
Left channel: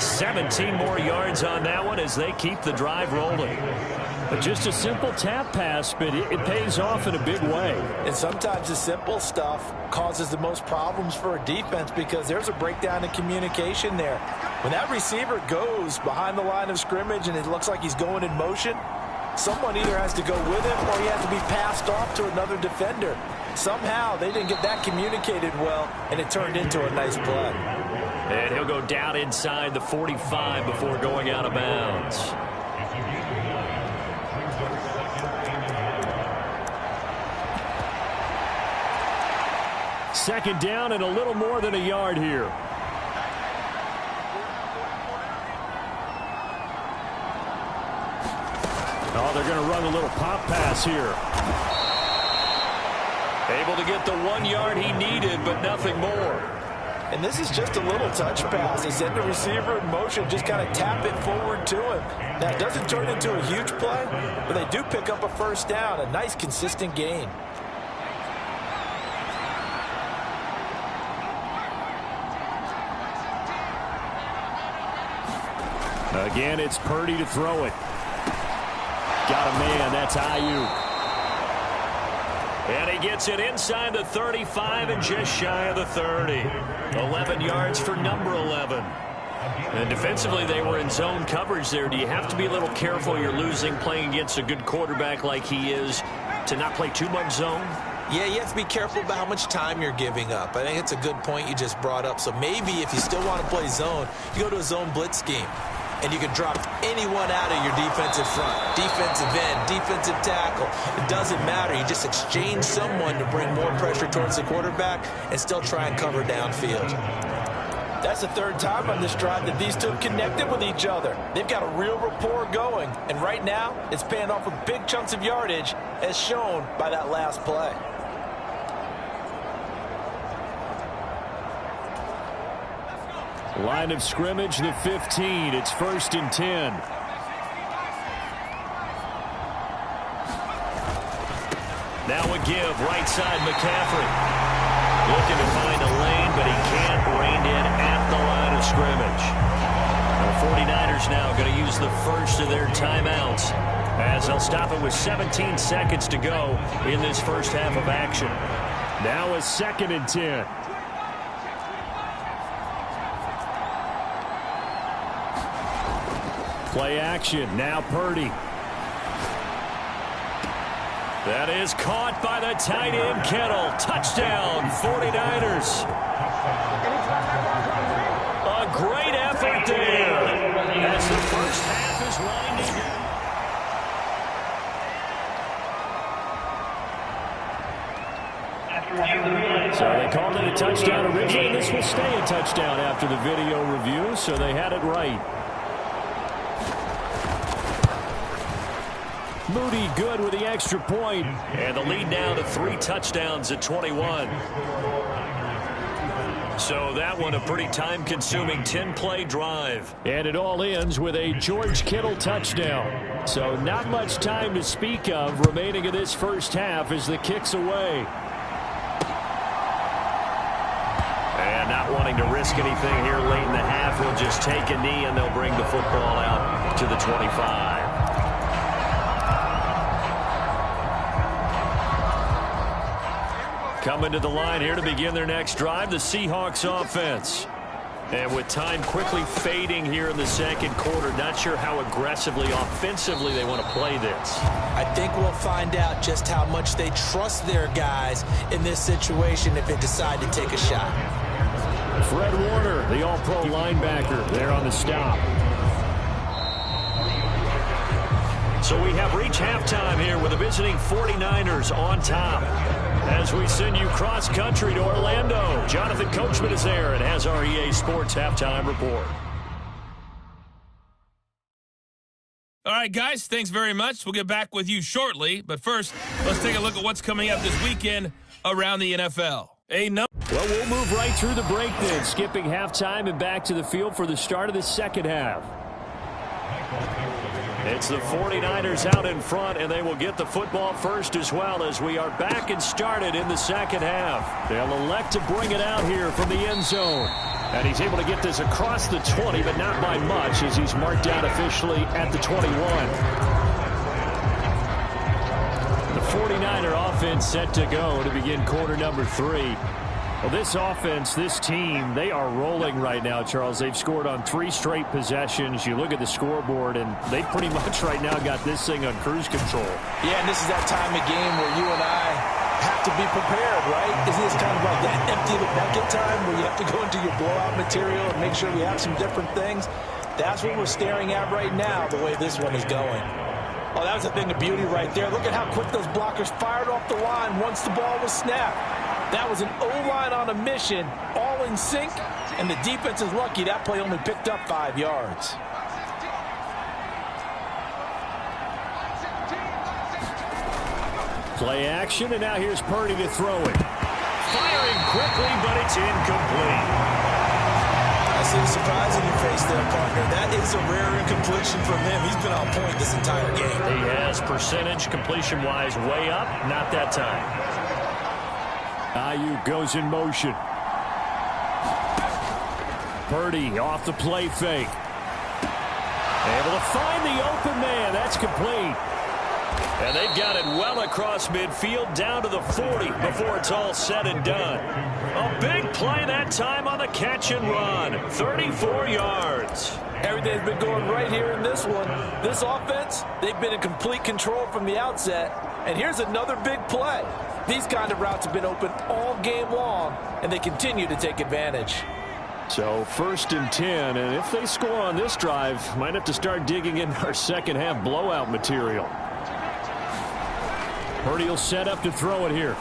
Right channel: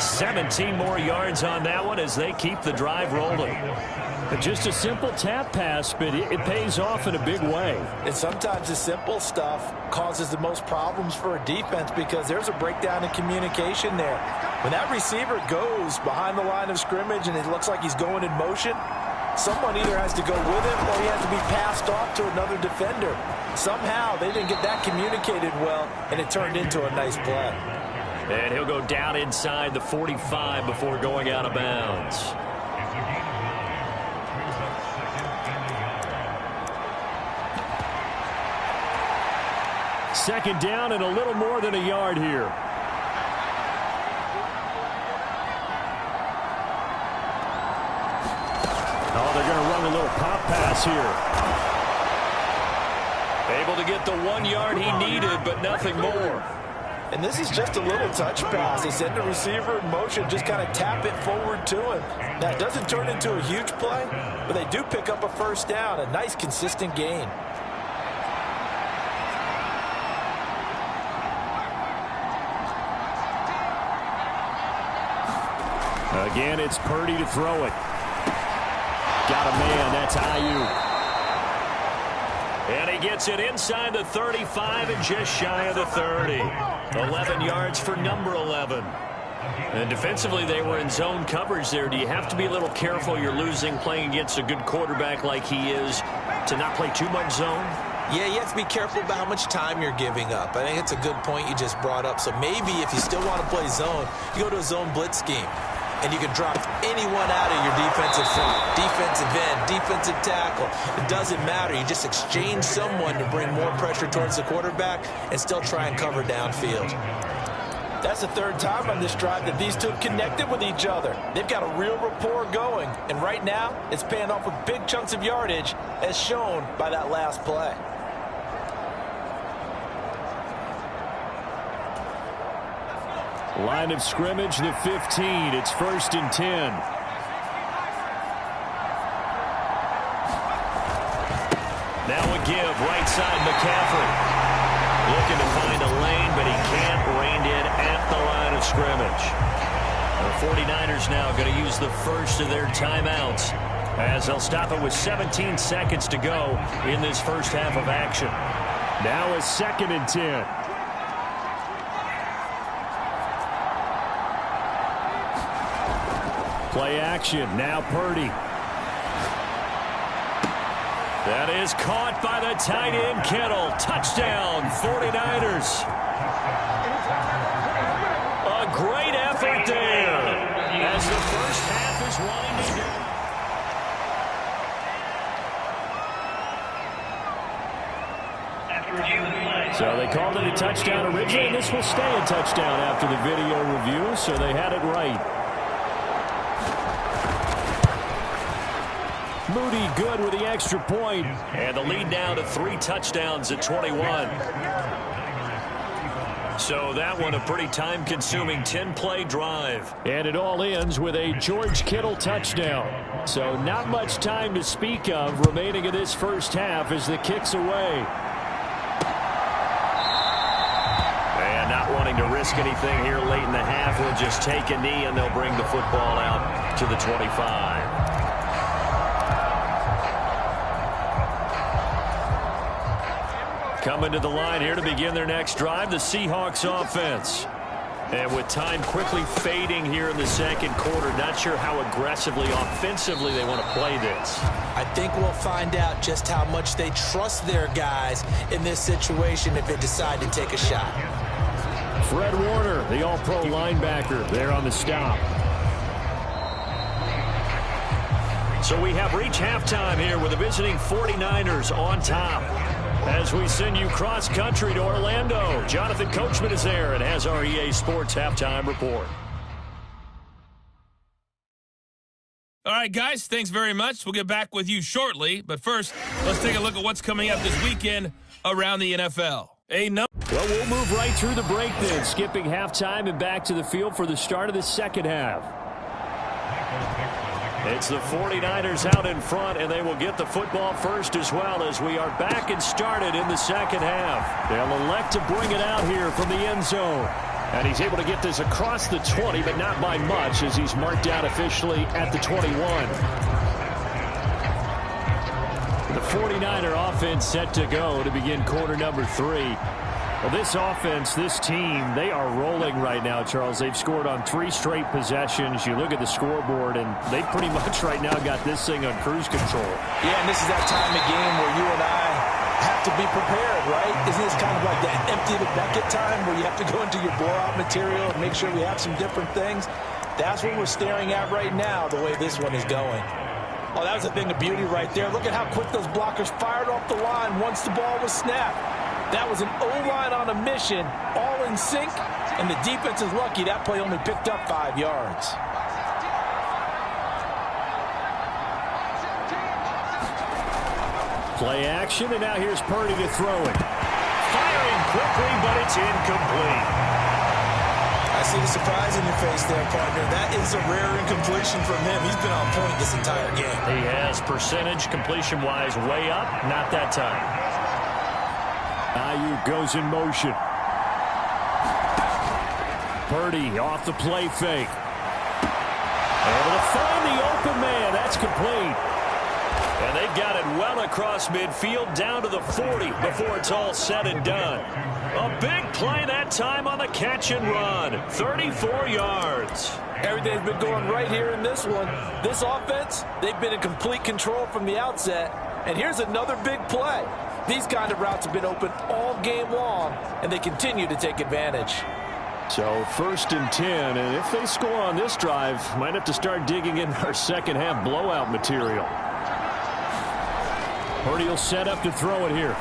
17 more yards on that one as they keep the drive rolling. Just a simple tap pass, but it pays off in a big way. And sometimes the simple stuff causes the most problems for a defense because there's a breakdown in communication there. When that receiver goes behind the line of scrimmage and it looks like he's going in motion, someone either has to go with him or he has to be passed off to another defender. Somehow they didn't get that communicated well, and it turned into a nice play. And he'll go down inside the 45 before going out of bounds. Second down and a little more than a yard here. Oh, they're going to run a little pop pass here. Able to get the 1 yard he needed, but nothing more. And this is just a little touch pass. They send the receiver in motion, just kind of tap it forward to him. Now, it doesn't turn into a huge play, but they do pick up a first down, a nice, consistent gain. Again, it's Purdy to throw it. Got a man. That's Ayuk. And he gets it inside the 35 and just shy of the 30. 11 yards for number 11. And defensively, they were in zone coverage there. Do you have to be a little careful? You're losing playing against a good quarterback like he is to not play too much zone? Yeah, you have to be careful about how much time you're giving up. I think it's a good point you just brought up. So maybe if you still want to play zone, you go to a zone blitz scheme. And you can drop anyone out of your defensive front, defensive end, defensive tackle. It doesn't matter. You just exchange someone to bring more pressure towards the quarterback and still try and cover downfield. That's the third time on this drive that these two have connected with each other. They've got a real rapport going. And right now, it's paying off with big chunks of yardage, as shown by that last play. Line of scrimmage, the 15. It's 1st and 10. Now a give, right side McCaffrey. Looking to find a lane, but he can't. Reined in at the line of scrimmage. The 49ers now going to use the first of their timeouts as they'll stop it with 17 seconds to go in this first half of action. Now a 2nd and 10. Play action. Now Purdy. That is caught by the tight end Kittle. Touchdown, 49ers. A great effort there as the first half is winding down. So they called it a touchdown originally, and this will stay a touchdown after the video review, so they had it right. Moody good with the extra point. And the lead now to 3 touchdowns at 21. So that one a pretty time-consuming 10-play drive. And it all ends with a George Kittle touchdown. So not much time to speak of remaining in this first half as the kick's away. And not wanting to risk anything here late in the half, he'll just take a knee and they'll bring the football out to the 25. Coming to the line here to begin their next drive, the Seahawks offense. And with time quickly fading here in the second quarter, not sure how aggressively, offensively they want to play this. I think we'll find out just how much they trust their guys in this situation if they decide to take a shot. Fred Warner, the all-pro linebacker, there on the stop. So we have reached halftime here with the visiting 49ers on top. As we send you cross-country to Orlando, Jonathan Coachman is there and has our EA Sports Halftime Report. All right, guys, thanks very much. We'll get back with you shortly. But first, let's take a look at what's coming up this weekend around the NFL. Well, we'll move right through the break then, skipping halftime and back to the field for the start of the second half. It's the 49ers out in front, and they will get the football first as well as we are back and started in the second half. They'll elect to bring it out here from the end zone. And he's able to get this across the 20, but not by much as he's marked out officially at the 21. The 49er offense set to go to begin quarter number 3. Well, this offense, this team, they are rolling right now, Charles. They've scored on 3 straight possessions. You look at the scoreboard, and they pretty much right now got this thing on cruise control. Yeah, and this is that time of game where you and I have to be prepared, right? Isn't this kind of like that empty the bucket time where you have to go into your blowout material and make sure we have some different things? That's what we're staring at right now, the way this one is going. Oh, that was a thing of beauty right there. Look at how quick those blockers fired off the line once the ball was snapped. That was an O-line on a mission, all in sync, and the defense is lucky that play only picked up 5 yards. Play action, and now here's Purdy to throw it. Firing quickly, but it's incomplete. I see the surprise in your face there, partner. That is a rare incompletion from him. He's been on point this entire game. He has percentage completion-wise way up, not that time. Ayuk goes in motion. Purdy off the play fake. Able to find the open man. That's complete. And they've got it well across midfield down to the 40 before it's all said and done. A big play that time on the catch and run. 34 yards. Everything's been going right here in this one. This offense, they've been in complete control from the outset. And here's another big play. These kind of routes have been open all game long, and they continue to take advantage. So 1st and 10, and if they score on this drive, might have to start digging in our second half blowout material. Purdy will set up to throw it here.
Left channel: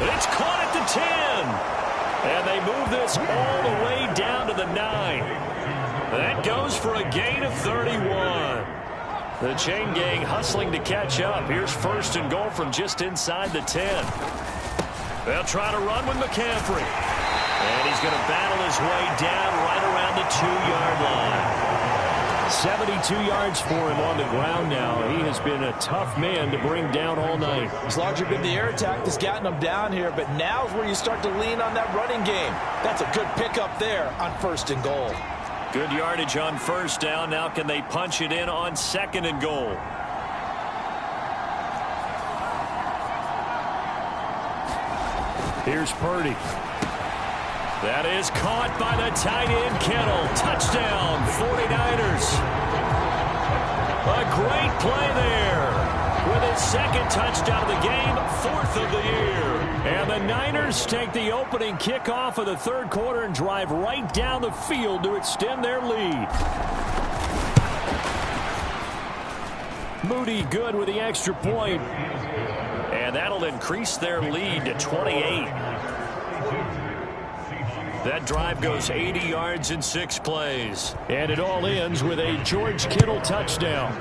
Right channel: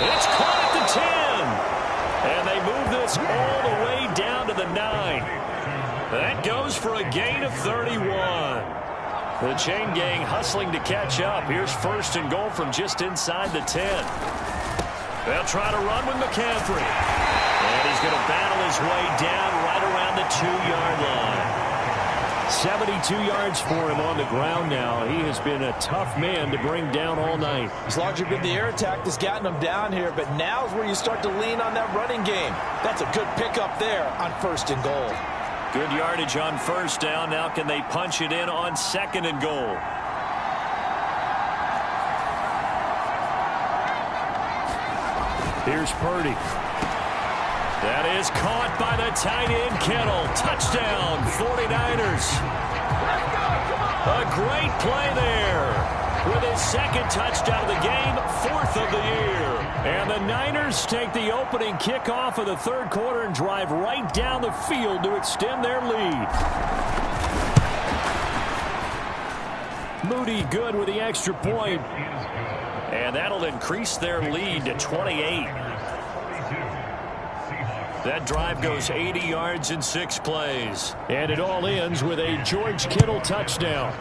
It's caught at the 10. And they move this all the way down to the 9. That goes for a gain of 31. The chain gang hustling to catch up. Here's 1st and goal from just inside the 10. They'll try to run with McCaffrey. And he's going to battle his way down right around the 2-yard line. 72 yards for him on the ground now. He has been a tough man to bring down all night. It's largely been the air attack that's gotten him down here, but now's where you start to lean on that running game. That's a good pickup there on 1st and goal. Good yardage on 1st down. Now can they punch it in on 2nd and goal? Here's Purdy. That is caught by the tight end, Kittle. Touchdown, 49ers. A great play there. With his 2nd touchdown of the game, 4th of the year. And the Niners take the opening kickoff of the 3rd quarter and drive right down the field to extend their lead. Moody good with the extra point. And that'll increase their lead to 28. That drive goes 80 yards in 6 plays. And it all ends with a George Kittle touchdown.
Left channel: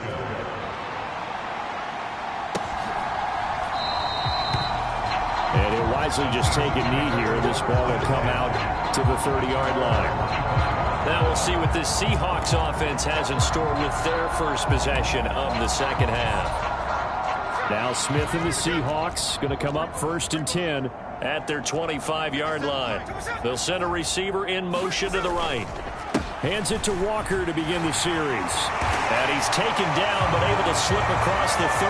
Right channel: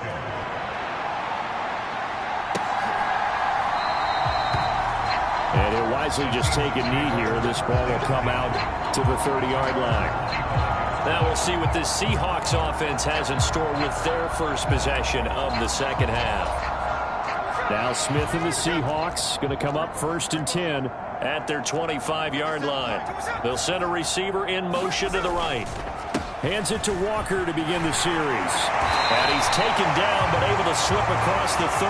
And he'll wisely just take a knee here. This ball will come out to the 30-yard line. Now we'll see what this Seahawks offense has in store with their first possession of the second half. Now Smith and the Seahawks going to come up 1st and 10 at their 25-yard line. They'll send a receiver in motion to the right. Hands it to Walker to begin the series. And he's taken down but able to slip across the 35.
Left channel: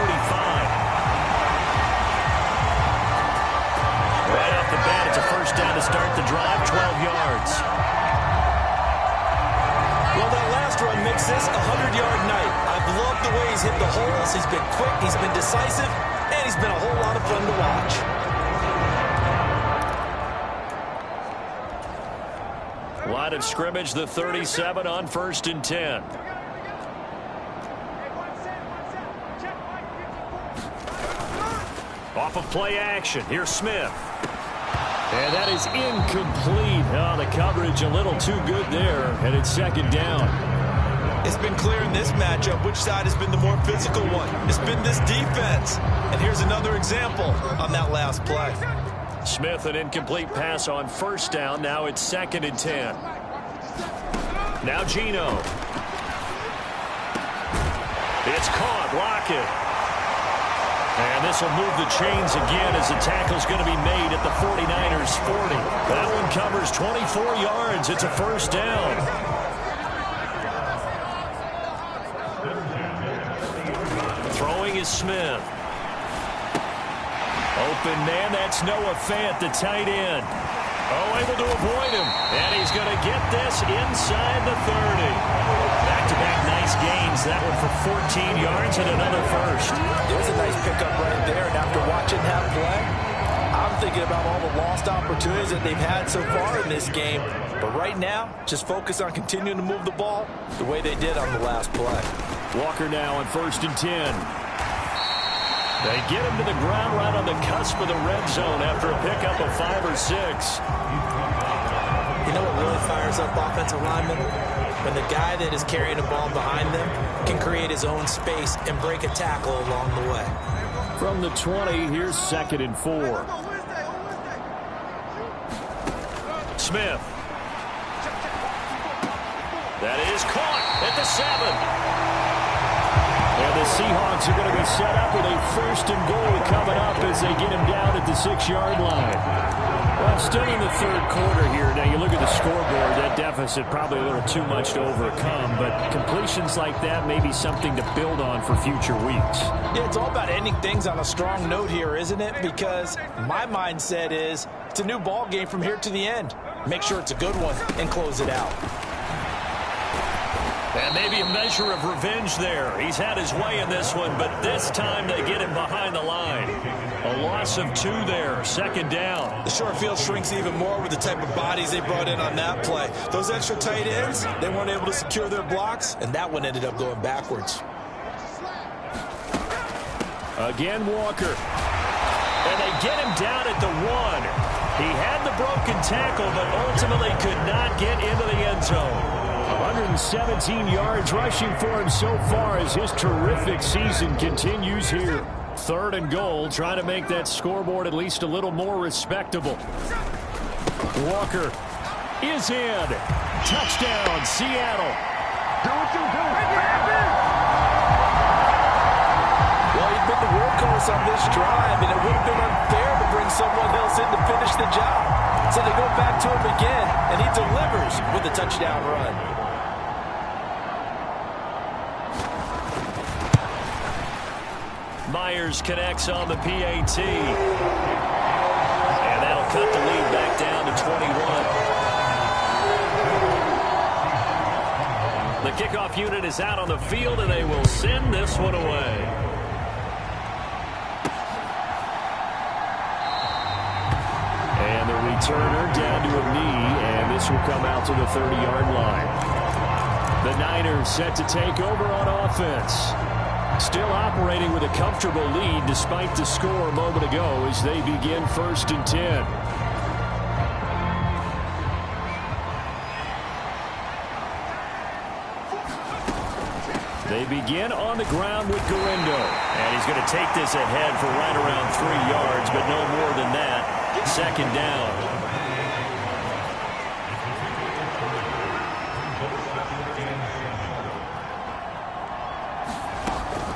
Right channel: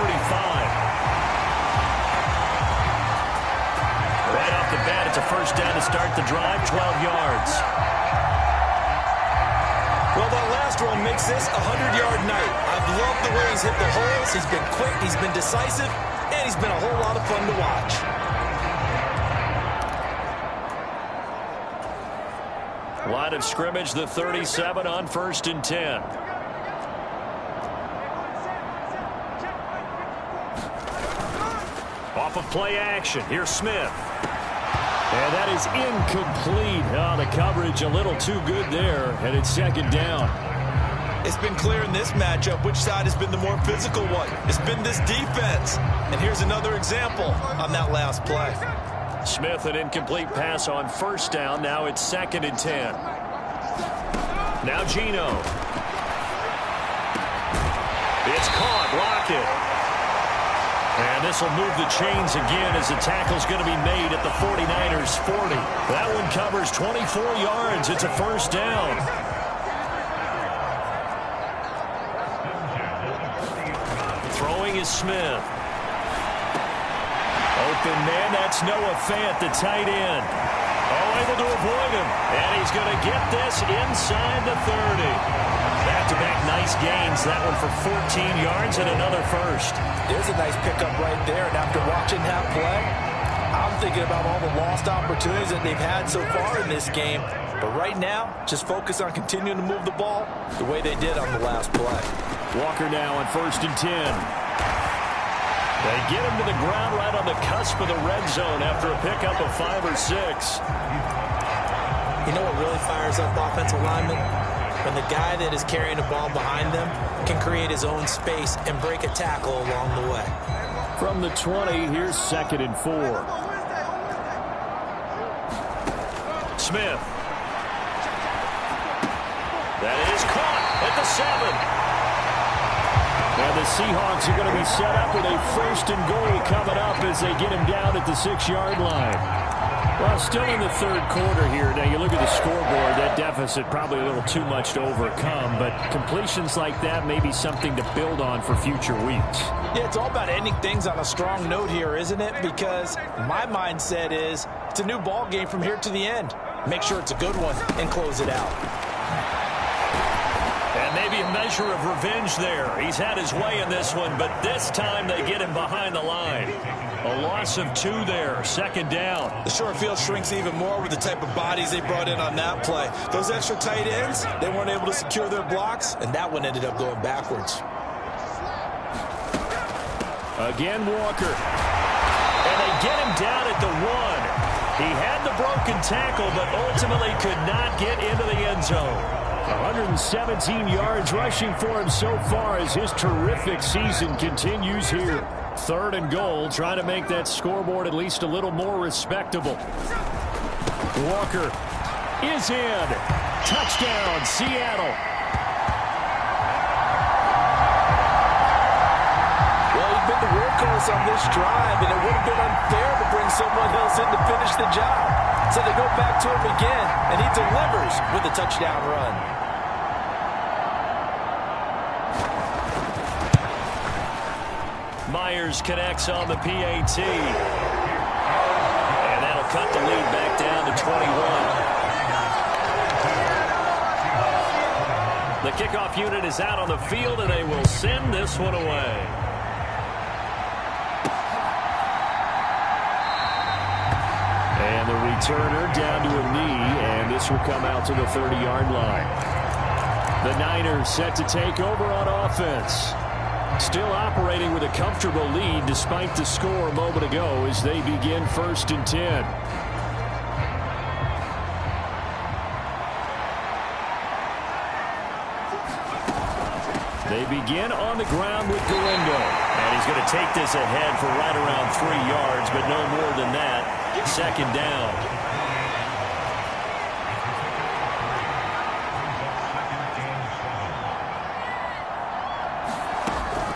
Right off the bat, it's a first down to start the drive, 12 yards. Well, that last run makes this a 100-yard night. I've loved the way he's hit the holes. He's been quick, he's been decisive, and he's been a whole lot of fun to watch. Line of scrimmage, the 37 on 1st and 10. Off of play action, here's Smith. And that is incomplete. Oh, the coverage a little too good there, and it's 2nd down. It's been clear in this matchup which side has been the more physical one. It's been this defense. And here's another example on that last play. Smith, an incomplete pass on 1st down. Now it's 2nd and 10. Now Geno. It's caught. Lockett. And this will move the chains again as the tackle's going to be made at the 49ers 40. That one covers 24 yards. It's a 1st down. Throwing is Smith. Open man, that's Noah Fant, the tight end. Oh, able to avoid him. And he's going to get this inside the 30. Back-to-back nice gains. That one for 14 yards and another first. There's a nice pickup right there. And after watching that play, I'm thinking about all the lost opportunities that they've had so far in this game. But right now, just focus on continuing to move the ball the way they did on the last play. Walker now on 1st and 10. They get him to the ground right on the cusp of the red zone after a pickup of 5 or 6. You know what really fires up offensive linemen? When the guy that is carrying the ball behind them can create his own space and break a tackle along the way. From the 20, here's 2nd and 4. Smith. That is caught at the 7. And the Seahawks are going to be set up with a 1st and goal coming up as they get him down at the 6-yard line. Well, still in the 3rd quarter here. Now, you look at the scoreboard, that deficit probably a little too much to overcome, but completions like that may be something to build on for future weeks. Yeah, it's all about ending things on a strong note here, isn't it? Because my mindset is it's a new ball game from here to the end. Make sure it's a good one and close it out. And maybe a measure of revenge there. He's had his way in this one, but this time they get him behind the line. A loss of 2 there, 2nd down. The short field shrinks even more with the type of bodies they brought in on that play. Those extra tight ends, they weren't able to secure their blocks, and that one ended up going backwards. Again, Walker. And they get him down at the 1. He had the broken tackle, but ultimately could not get into the end zone. 117 yards rushing for him so far as his terrific season continues here. 3rd and goal, trying to make that scoreboard at least a little more respectable. Walker is in. Touchdown, Seattle. Well, he'd been the workhorse on this drive, and it would have been unfair to bring someone else in to finish the job. So they go back to him again, and he delivers with a touchdown run. Myers connects on the PAT. And that'll cut the lead back down to 21. The kickoff unit is out on the field, and they will send this one away. And the returner down to a knee, and this will come out to the 30-yard line. The Niners set to take over on offense. Still operating with a comfortable lead despite the score a moment ago as they begin 1st and 10. They begin on the ground with Galindo. And he's going to take this ahead for right around 3 yards, but no more than that. Second down.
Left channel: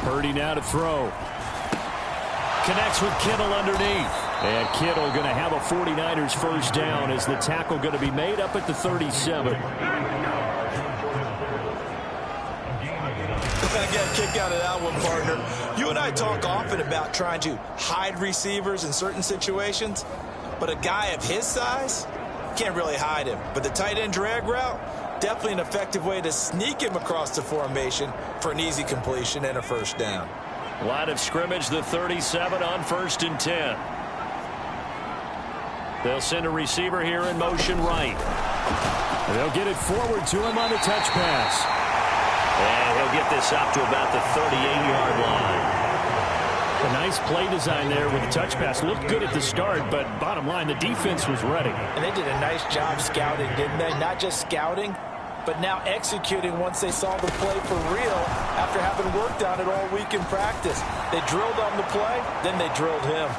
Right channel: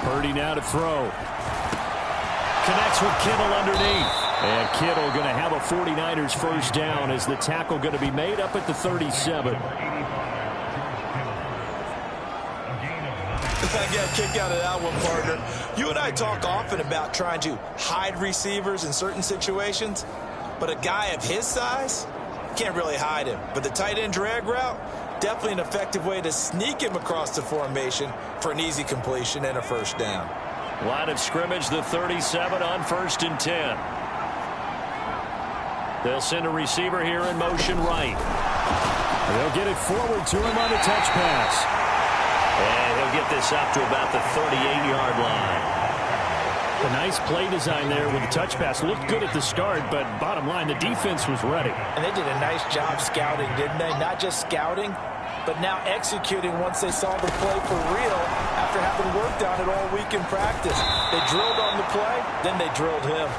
Purdy now to throw. Connects with Kittle underneath. And Kittle going to have a 49ers first down as the tackle going to be made up at the 37. I got a kick out of that one, partner. You and I talk often about trying to hide receivers in certain situations, but a guy of his size can't really hide him. But the tight end drag route, definitely an effective way to sneak him across the formation for an easy completion and a first down. Line of scrimmage, the 37 on 1st and 10. They'll send a receiver here in motion right. They'll get it forward to him on a touch pass. And he'll get this up to about the 38-yard line. A nice play design there with the touch pass. Looked good at the start, but bottom line, the defense was ready. And they did a nice job scouting, didn't they? Not just scouting, but now executing once they saw the play for real after having worked on it all week in practice. They drilled on the play, then they drilled him.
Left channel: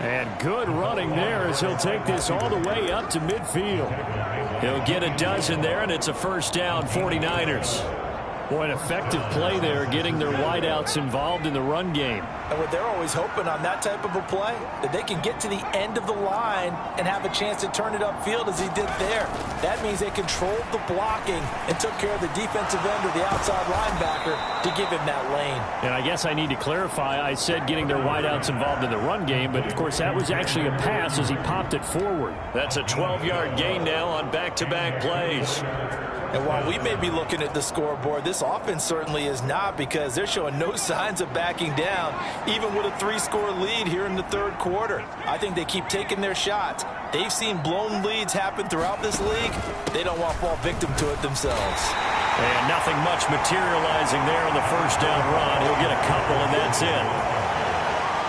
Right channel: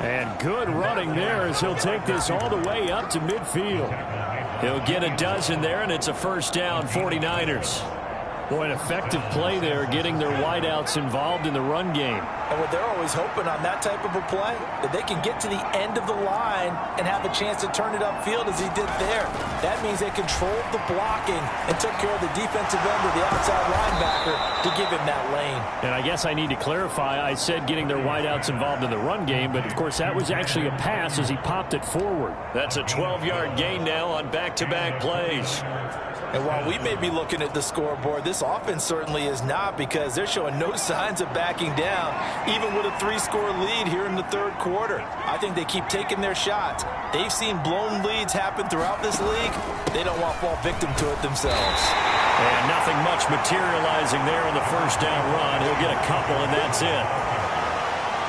And good running there as he'll take this all the way up to midfield. He'll get a dozen there, and it's a first down, 49ers. Boy, an effective play there, getting their wideouts involved in the run game. And what they're always hoping on that type of a play, that they can get to the end of the line and have a chance to turn it upfield as he did there. That means they controlled the blocking and took care of the defensive end or the outside linebacker to give him that lane. And I guess I need to clarify, I said getting their wideouts involved in the run game, but of course that was actually a pass as he popped it forward. That's a 12-yard gain now on back-to-back plays. And while we may be looking at the scoreboard, this offense certainly is not, because they're showing no signs of backing down, even with a 3-score lead here in the third quarter. I think they keep taking their shots. They've seen blown leads happen throughout this league. They don't want to fall victim to it themselves. And nothing much materializing there on the first down run. He'll get a couple, and that's it.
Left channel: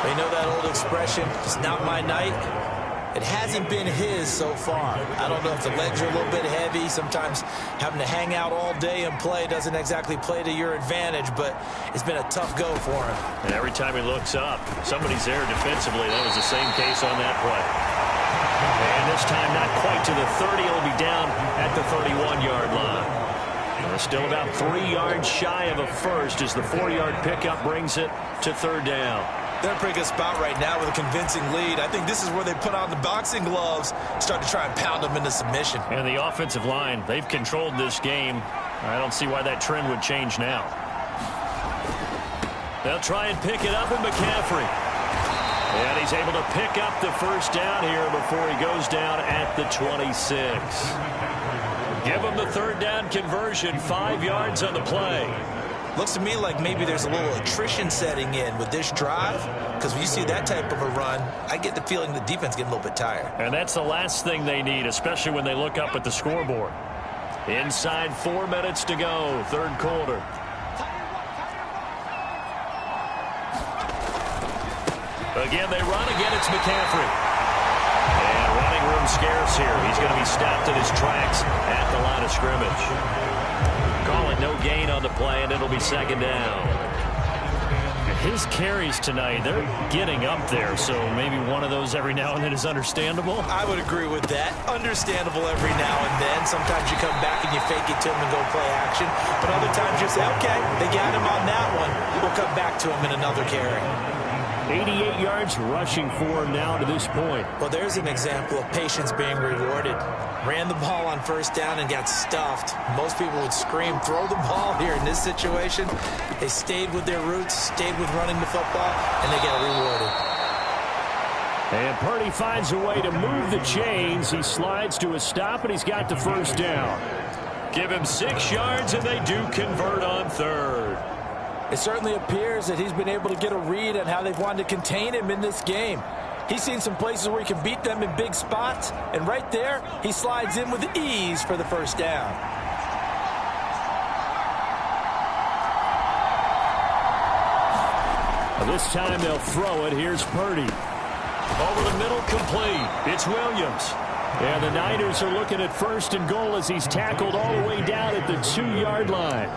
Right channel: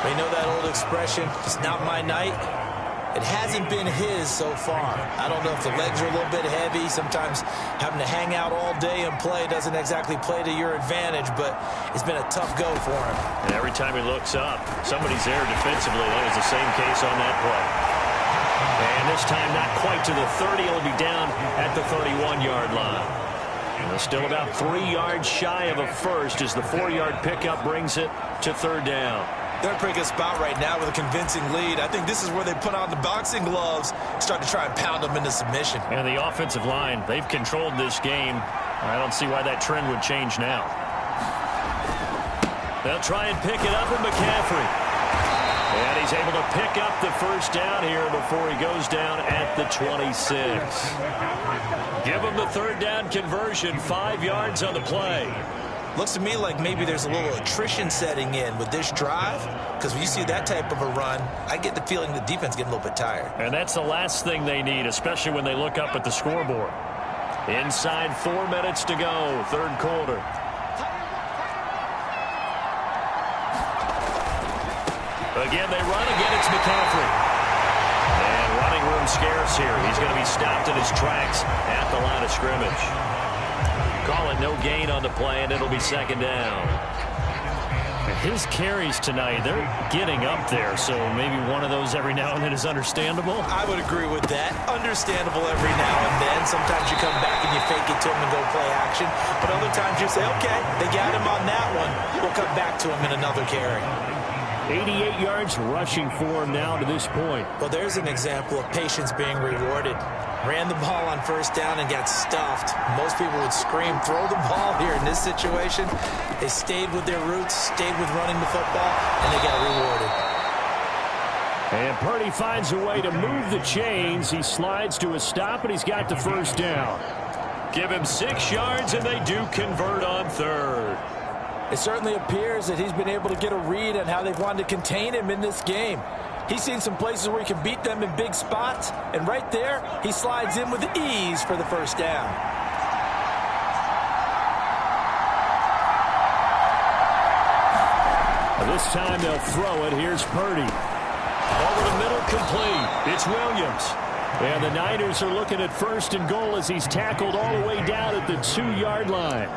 You know that old expression, it's not my night? It hasn't been his so far. I don't know if the legs are a little bit heavy. Sometimes having to hang out all day and play doesn't exactly play to your advantage, but it's been a tough go for him. And every time he looks up, somebody's there defensively. That was the same case on that play. And this time not quite to the 30. It'll be down at the 31-yard line. And still about 3 yards shy of a first as the 4-yard pickup brings it to third down. They're in a pretty good spot right now with a convincing lead. I think this is where they put on the boxing gloves, start to try and pound them into submission. And the offensive line, they've controlled this game. I don't see why that trend would change now. They'll try and pick it up in McCaffrey. And he's able to pick up the first down here before he goes down at the 26. Give him the third down conversion, 5 yards on the play. Looks to me like maybe there's a little attrition setting in with this drive, because when you see that type of a run, I get the feeling the defense getting a little bit tired. And that's the last thing they need, especially when they look up at the scoreboard. Inside 4 minutes to go, third quarter. Again, they run. Again, it's McCaffrey. And running room scarce here. He's going to be stopped in his tracks at the line of scrimmage. Call it no gain on the play, and it'll be second down. His carries tonight, they're getting up there, so maybe one of those every now and then is understandable. I would agree with that. Understandable every now and then. Sometimes you come back and you fake it to him and go play action. But other times you say, okay, they got him on that one. We'll come back to him in another carry. 88 yards rushing for him now to this point. Well, there's an example of patience being rewarded. Ran the ball on first down and got stuffed. Most people would scream, throw the ball here. In this situation, they stayed with their roots, stayed with running the football, and they got rewarded. And Purdy finds a way to move the chains. He slides to a stop, and he's got the first down. Give him 6 yards, and they do convert on third. It certainly appears that he's been able to get a read on how they've wanted to contain him in this game. He's seen some places where he can beat them in big spots, and right there, he slides in with ease for the first down. This time they'll throw it. Here's Purdy. Over the middle, complete. It's Williams. And the Niners are looking at first and goal as he's tackled all the way down at the 2-yard line.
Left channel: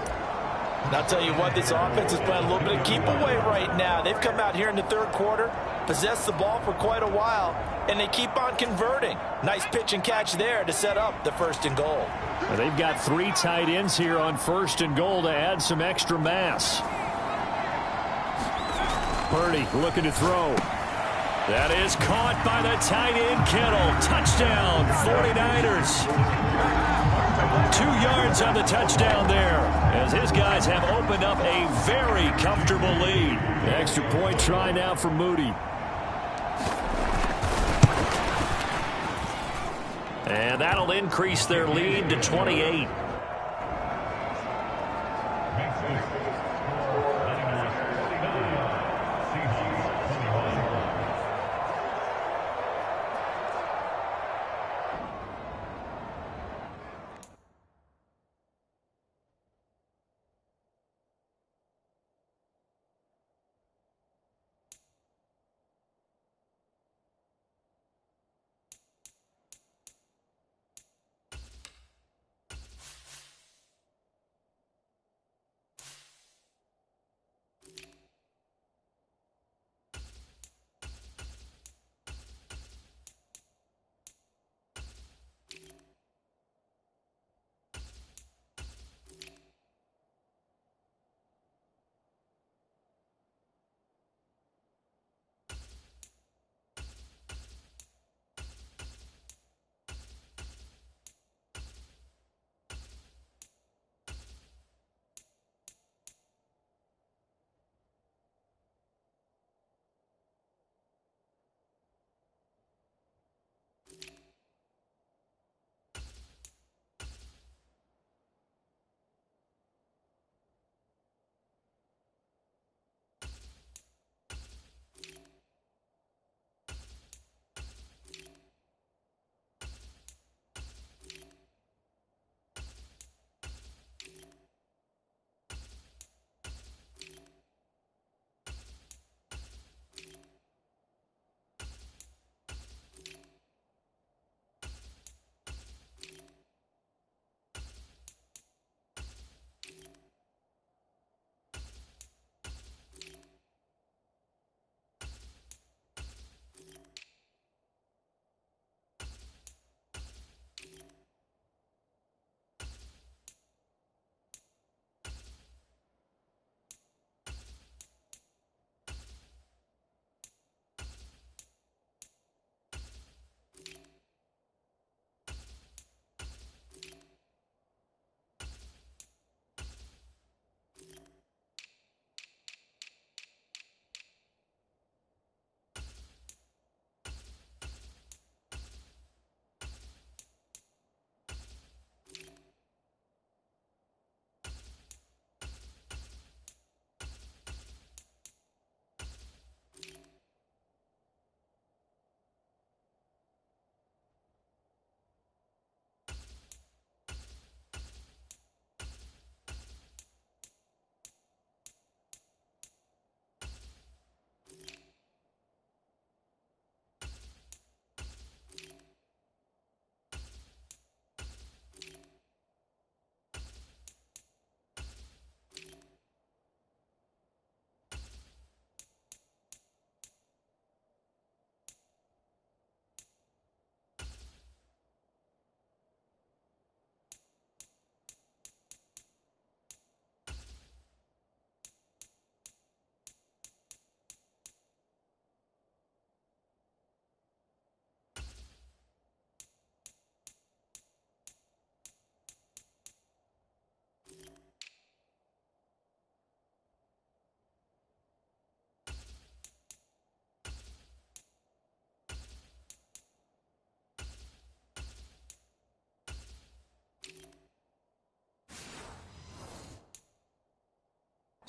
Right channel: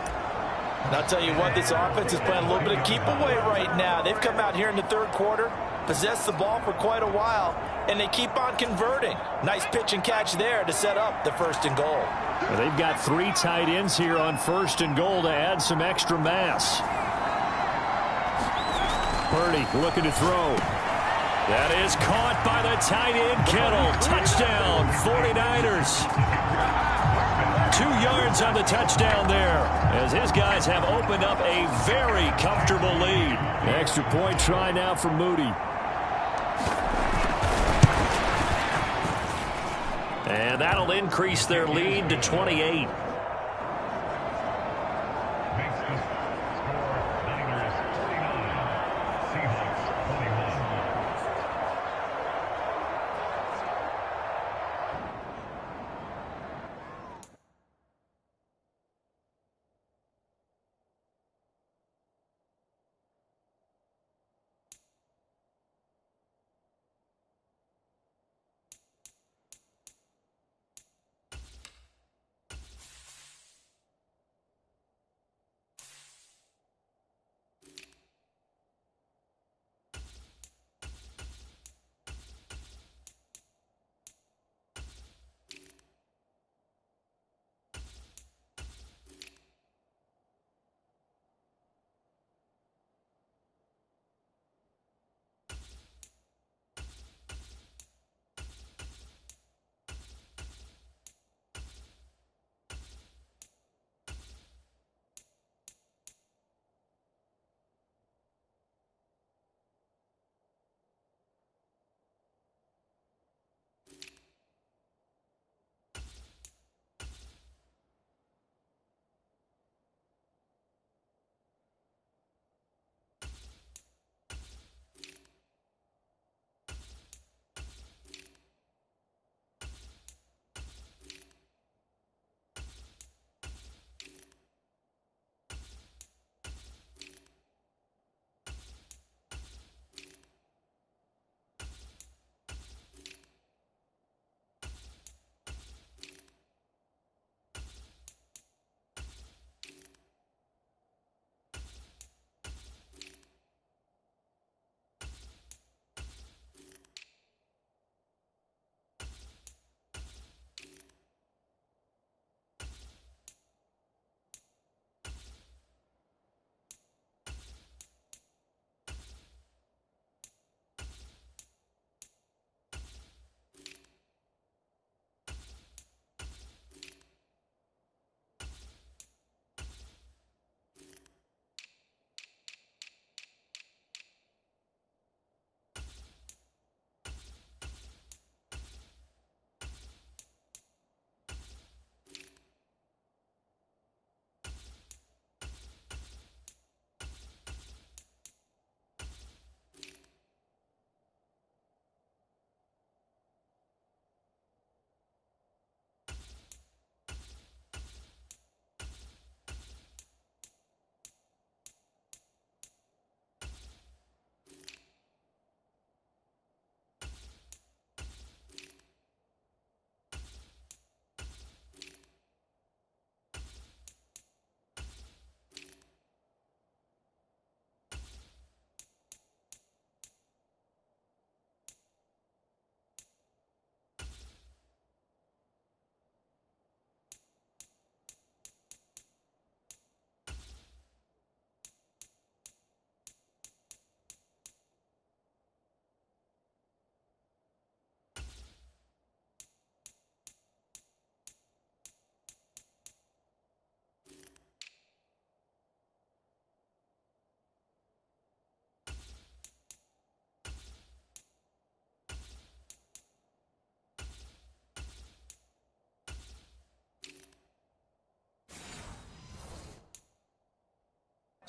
And I'll tell you what, this offense is playing a little bit of keep away right now. They've come out here in the third quarter, possessed the ball for quite a while, and they keep on converting. Nice pitch and catch there to set up the 1st and goal. Well, they've got 3 tight ends here on 1st and goal to add some extra mass. Purdy looking to throw. That is caught by the tight end, Kittle. Touchdown, 49ers. 2 yards on the touchdown there, as his guys have opened up a very comfortable lead. Extra point try now for Moody. And that'll increase their lead to 28.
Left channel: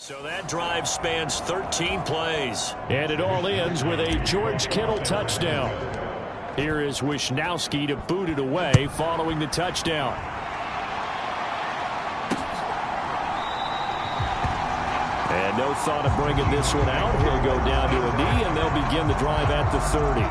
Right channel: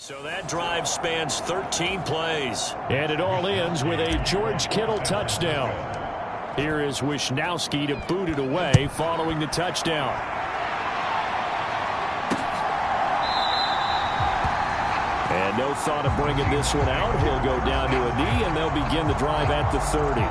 So that drive spans 13 plays. And it all ends with a George Kittle touchdown. Here is Wisnowski to boot it away following the touchdown. And no thought of bringing this one out. He'll go down to a knee, and they'll begin the drive at the 30.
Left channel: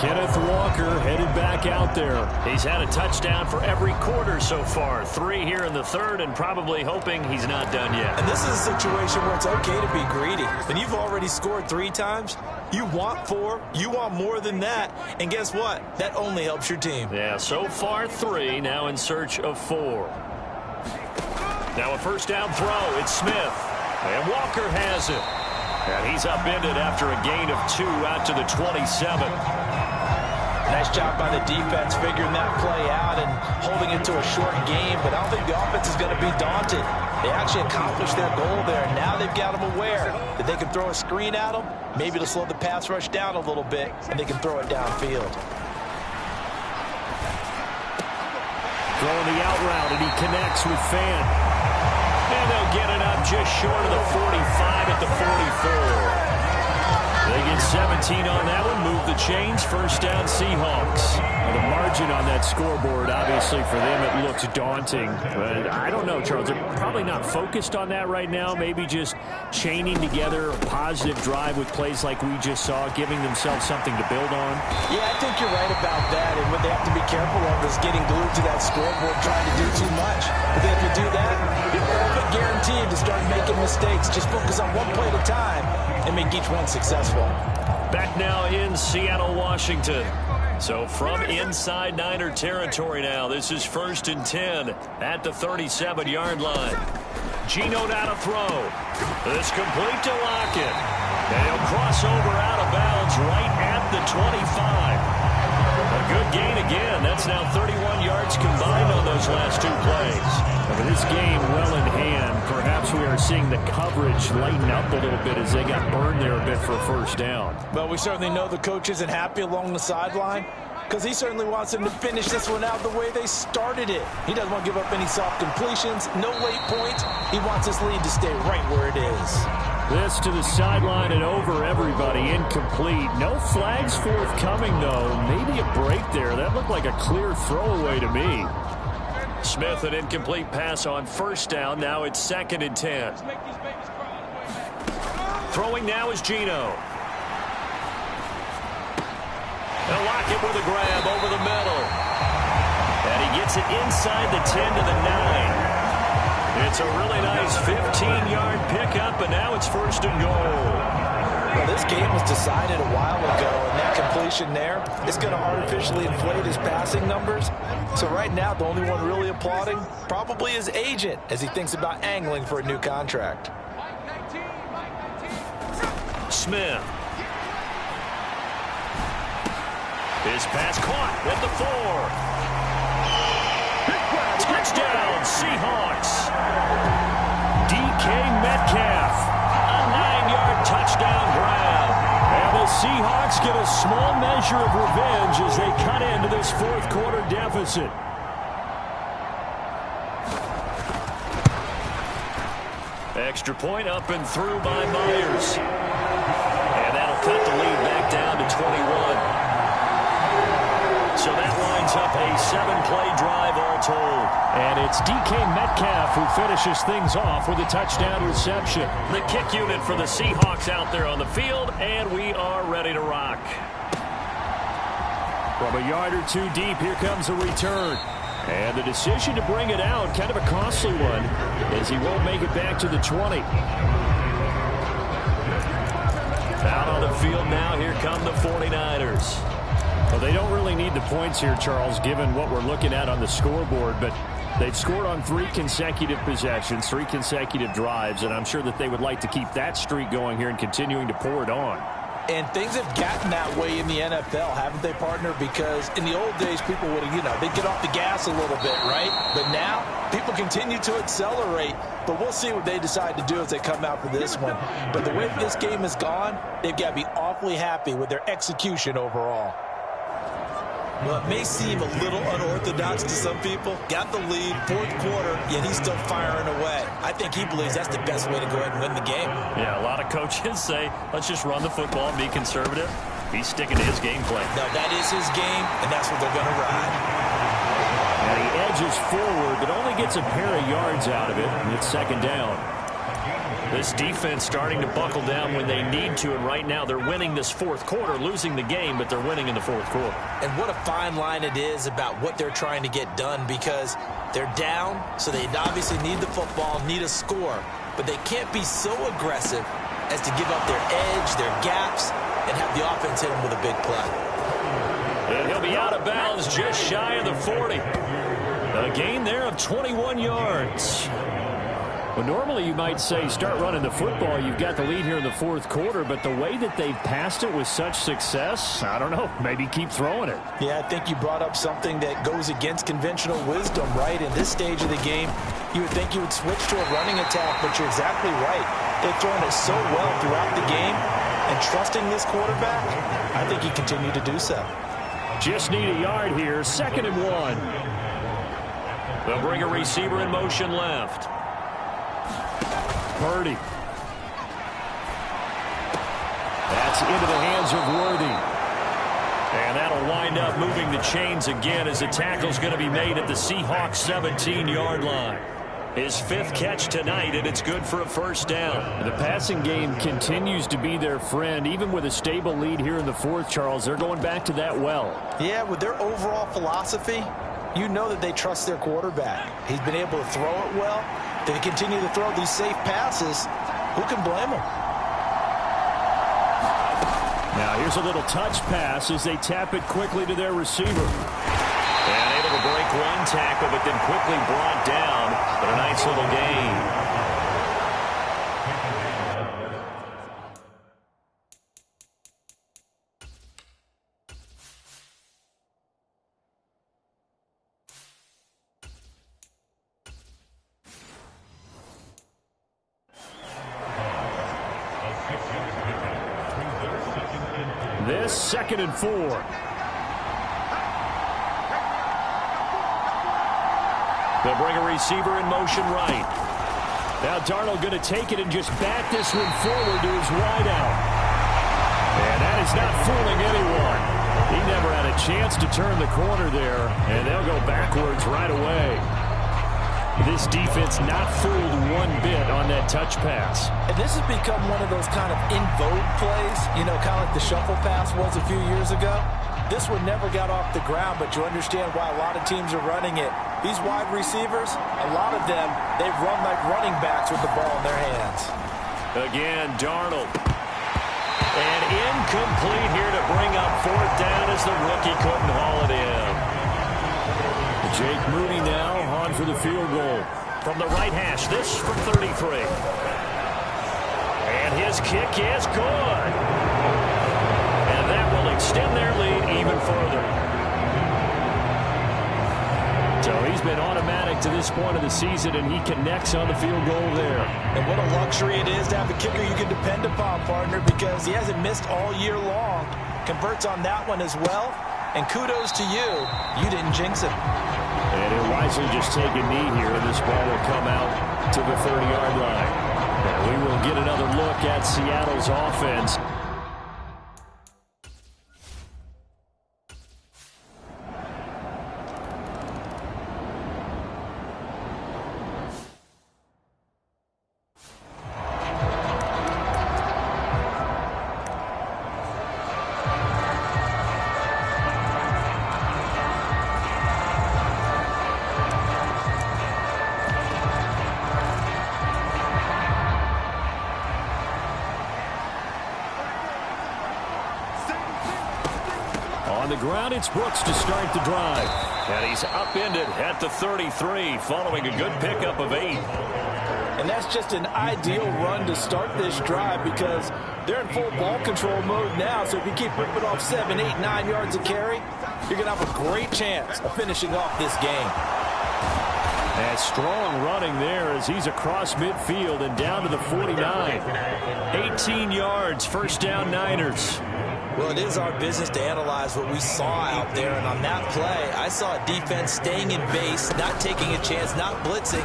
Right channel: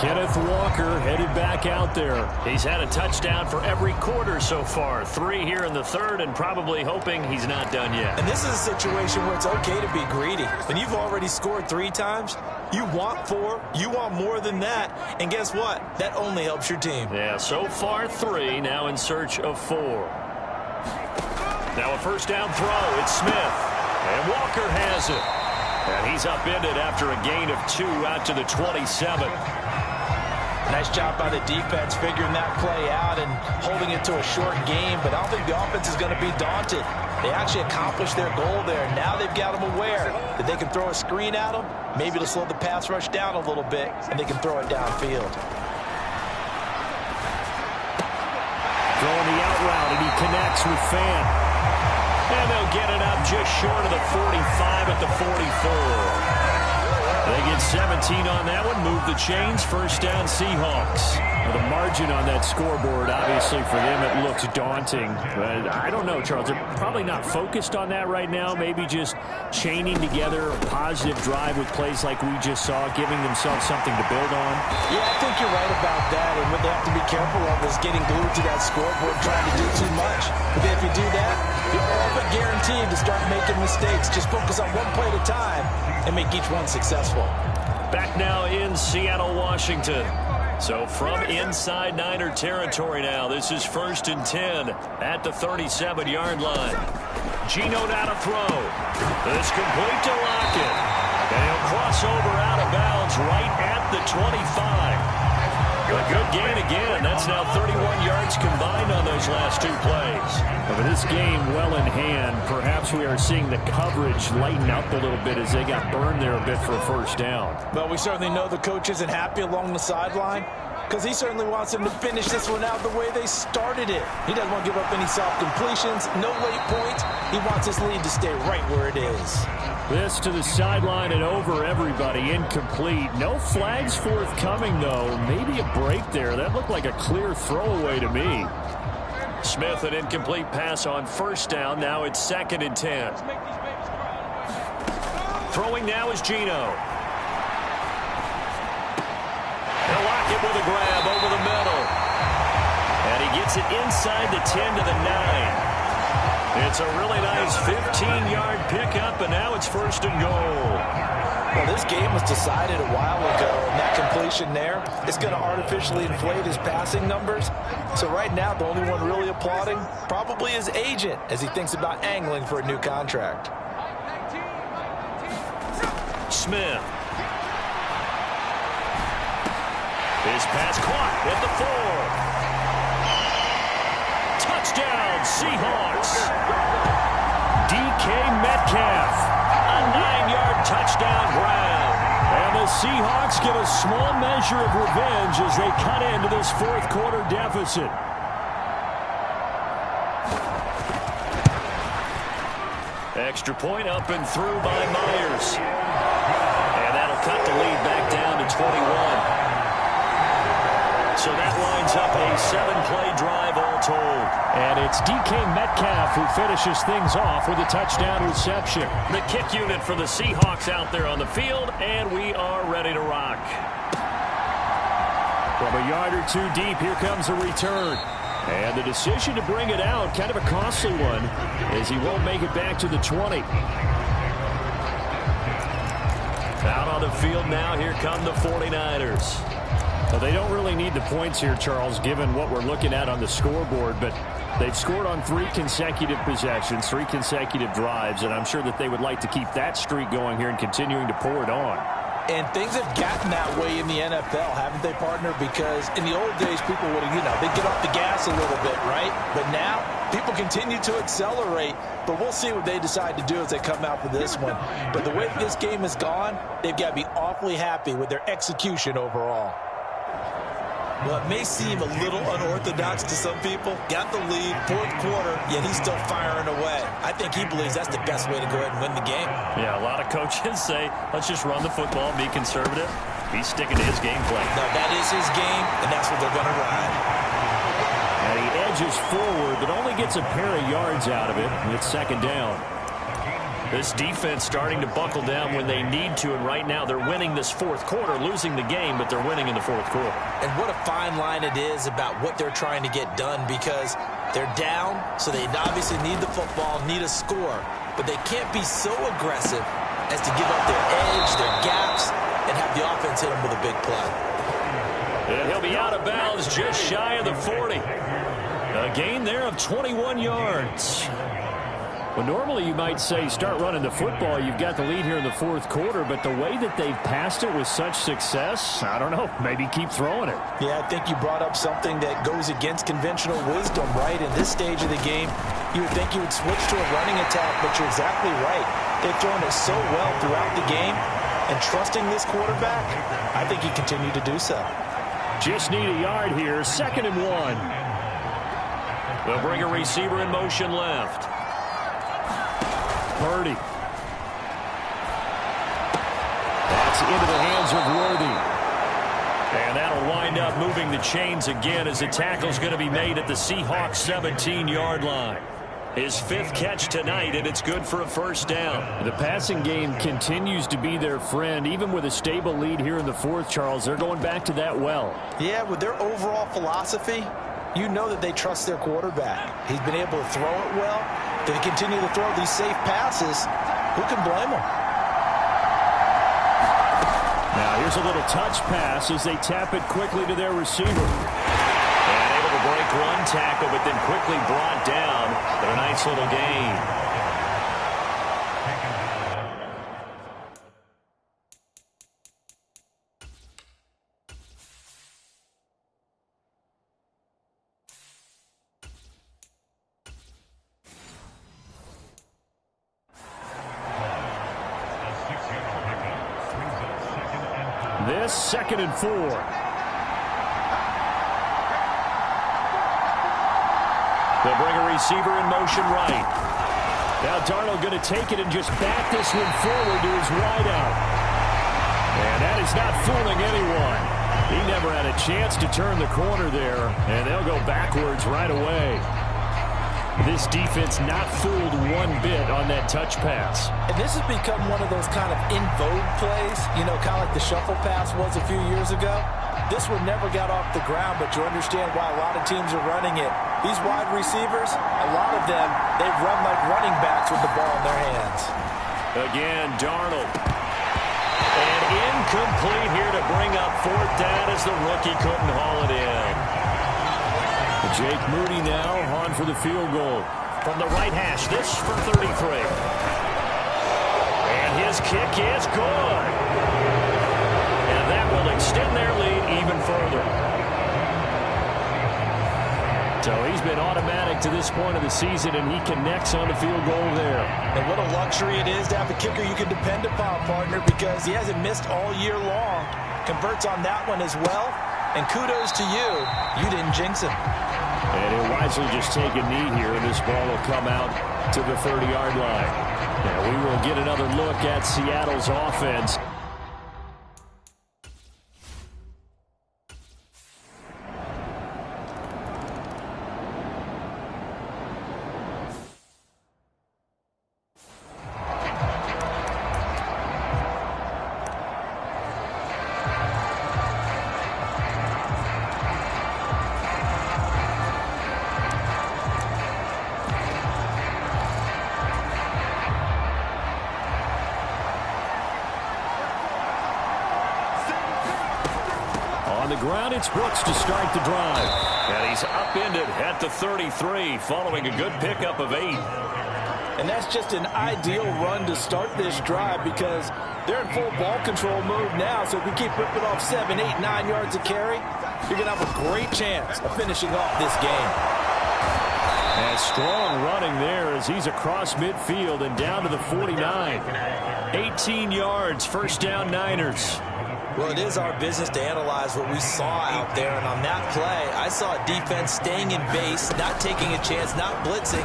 Kenneth Walker headed back out there. He's had a touchdown for every quarter so far. 3 here in the third, and probably hoping he's not done yet. And this is a situation where it's okay to be greedy. When you've already scored 3 times, you want 4, you want more than that. And guess what? That only helps your team. Yeah, so far 3, now in search of 4. Now a first down throw. It's Smith. And Walker has it. And he's upended after a gain of 2 out to the 27. Nice job by the defense figuring that play out and holding it to a short game, but I don't think the offense is going to be daunted. They actually accomplished their goal there. Now they've got them aware that they can throw a screen at them, maybe to slow the pass rush down a little bit, and they can throw it downfield. Throwing the out route, and he connects with Fan. And they'll get it up just short of the 45 at the 44. They get 17 on that one. Move the chains. First down, Seahawks. Well, the margin on that scoreboard, obviously, for them, it looks daunting. But I don't know, Charles. They're probably not focused on that right now. Maybe just chaining together a positive drive with plays like we just saw, giving themselves something to build on. Yeah, I think you're right about that. And what they have to be careful of is getting glued to that scoreboard, trying to do too much. But then if you do that, you're all but guaranteed to start making mistakes. Just focus on one play at a time and make each one successful. Back now in Seattle, Washington. So from inside Niner territory now, this is 1st and 10 at the 37-yard line. Geno now to throw. This complete to Lockett. And he'll cross over out of bounds right at the 25. A good gain again. That's now 31 yards combined on those last 2 plays. And with this game well in hand, perhaps we are seeing the coverage lighten up a little bit as they got burned there a bit for a first down. Well, we certainly know the coach isn't happy along the sideline because he certainly wants them to finish this one out the way they started it. He doesn't want to give up any soft completions, no late points. He wants his lead to stay right where it is. This to the sideline and over everybody. Incomplete. No flags forthcoming, though. Maybe a break there. That looked like a clear throwaway to me. Smith, an incomplete pass on first down. Now it's 2nd and 10. Throwing now is Geno. And Lockett with a grab over the middle. And he gets it inside the 10 to the 9. It's a really nice 15-yard pickup, and now it's 1st and goal. Well, this game was decided a while ago, and that completion there is going to artificially inflate his passing numbers. So right now, the only one really applauding probably his agent as he thinks about angling for a new contract. Smith. His pass caught at the 4. Touchdown, Seahawks. DK Metcalf. A 9-yard touchdown grab. And the Seahawks get a small measure of revenge as they cut into this 4th quarter deficit. Extra point up and through by Myers. And that'll cut the lead back down to 21. So that lines up a 7-play drive all told. And it's DK Metcalf who finishes things off with a touchdown reception. The kick unit for the Seahawks out there on the field, and we are ready to rock. From a yard or 2 deep, here comes a return. And the decision to bring it out, kind of a costly one, as he won't make it back to the 20. Out on the field now, here come the 49ers. Well, they don't really need the points here, Charles, given what we're looking at on the scoreboard, but they've scored on 3 consecutive possessions, 3 consecutive drives, and I'm sure that they would like to keep that streak going here and continuing to pour it on. And things have gotten that way in the NFL, haven't they, partner? Because in the old days, people would have, they'd get off the gas a little bit, right? But now, people continue to accelerate. But we'll see what they decide to do as they come out for this one. But the way this game has gone, they've got to be awfully happy with their execution overall. Well, it may seem a little unorthodox to some people. Got the lead, 4th quarter, yet he's still firing away. I think he believes that's the best way to go ahead and win the game. Yeah, a lot of coaches say, let's just run the football and be conservative. He's sticking to his game plan. No, that is his game, and that's what they're going to ride. And he edges forward, but only gets a pair of yards out of it, and it's 2nd down. This defense starting to buckle down when they need to, and right now they're winning this fourth quarter, losing the game, but they're winning in the fourth quarter. And what a fine line it is about what they're trying to get done, because they're down, so they obviously need the football, need a score, but they can't be so aggressive as to give up their edge, their gaps, and have the offense hit them with a big play. And he'll be out of bounds just shy of the 40. A gain there of 21 yards. Well, normally you might say start running the football. You've got the lead here in the fourth quarter, but the way that they've passed it with such success, I don't know, maybe keep throwing it. Yeah, I think you brought up something that goes against conventional wisdom, right? In this stage of the game, you would think you would switch to a running attack, but you're exactly right. They've thrown it so well throughout the game, and trusting this quarterback, I think he continued to do so. Just need a yard here, 2nd and 1. They'll bring a receiver in motion left. Purdy. That's into the hands of Worthy. And that'll wind up moving the chains again as the tackle's going to be made at the Seahawks 17-yard line. His 5th catch tonight, and it's good for a first down. The passing game continues to be their friend. Even with a stable lead here in the fourth, Charles, they're going back to that well. Yeah, with their overall philosophy, you know that they trust their quarterback. He's been able to throw it well. They continue to throw these safe passes. Who can blame them? Now here's a little touch pass as they tap it quickly to their receiver. And able to break one tackle, but then quickly brought down. But a nice little gain. This 2nd and 4. They'll bring a receiver in motion right. Now Darnold going to take it and just bat this one forward to his wideout. And that is not fooling anyone. He never had a chance to turn the corner there, and they'll go backwards right away. This defense not fooled one bit on that touch pass. And this has become one of those kind of in vogue plays, you know, kind of like the shuffle pass was a few years ago. This one never got off the ground, but you understand why a lot of teams are running it. These wide receivers, a lot of them, they run like running backs with the ball in their hands. Again, Darnold. And incomplete here to bring up 4th down as the rookie couldn't haul it in. Jake Moody now on for the field goal. From the right hash, this from 33. And his kick is good. And that will extend their lead even further. So he's been automatic to this point of the season, and he connects on the field goal there. And what a luxury it is to have a kicker you can depend upon, partner, because he hasn't missed all year long. Converts on that one as well. And kudos to you. You didn't jinx him. And he'll wisely just take a knee here, and this ball will come out to the 30-yard line. And we will get another look at Seattle's offense. On the ground, it's Brooks to start the drive. And he's upended at the 33 following a good pickup of 8. And that's just an ideal run to start this drive because they're in full ball control mode now. So if you keep ripping off 7, 8, 9 yards of carry, you're going to have a great chance of finishing off this game. And strong running there as he's across midfield and down to the 49. 18 yards, first down Niners. Well, it is our business to analyze what we saw out there, and on that play, I saw a defense staying in base, not taking a chance, not blitzing,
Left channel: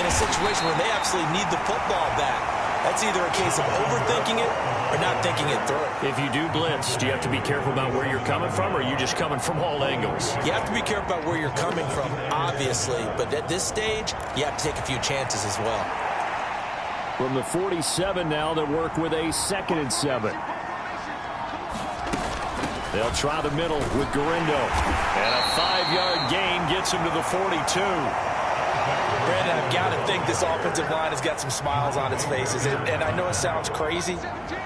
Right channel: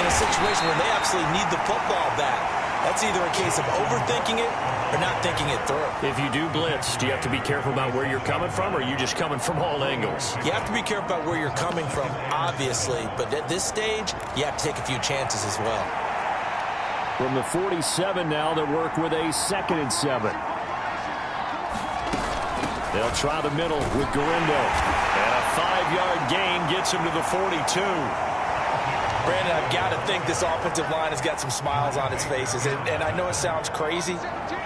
in a situation where they absolutely need the football back. That's either a case of overthinking it or not thinking it through. If you do blitz, do you have to be careful about where you're coming from, or are you just coming from all angles? You have to be careful about where you're coming from, obviously, but at this stage, you have to take a few chances as well. From the 47 now, they work with a 2nd and 7. They'll try the middle with Garindo. And a 5-yard gain gets him to the 42. Brandon, I've got to think this offensive line has got some smiles on its faces. And I know it sounds crazy,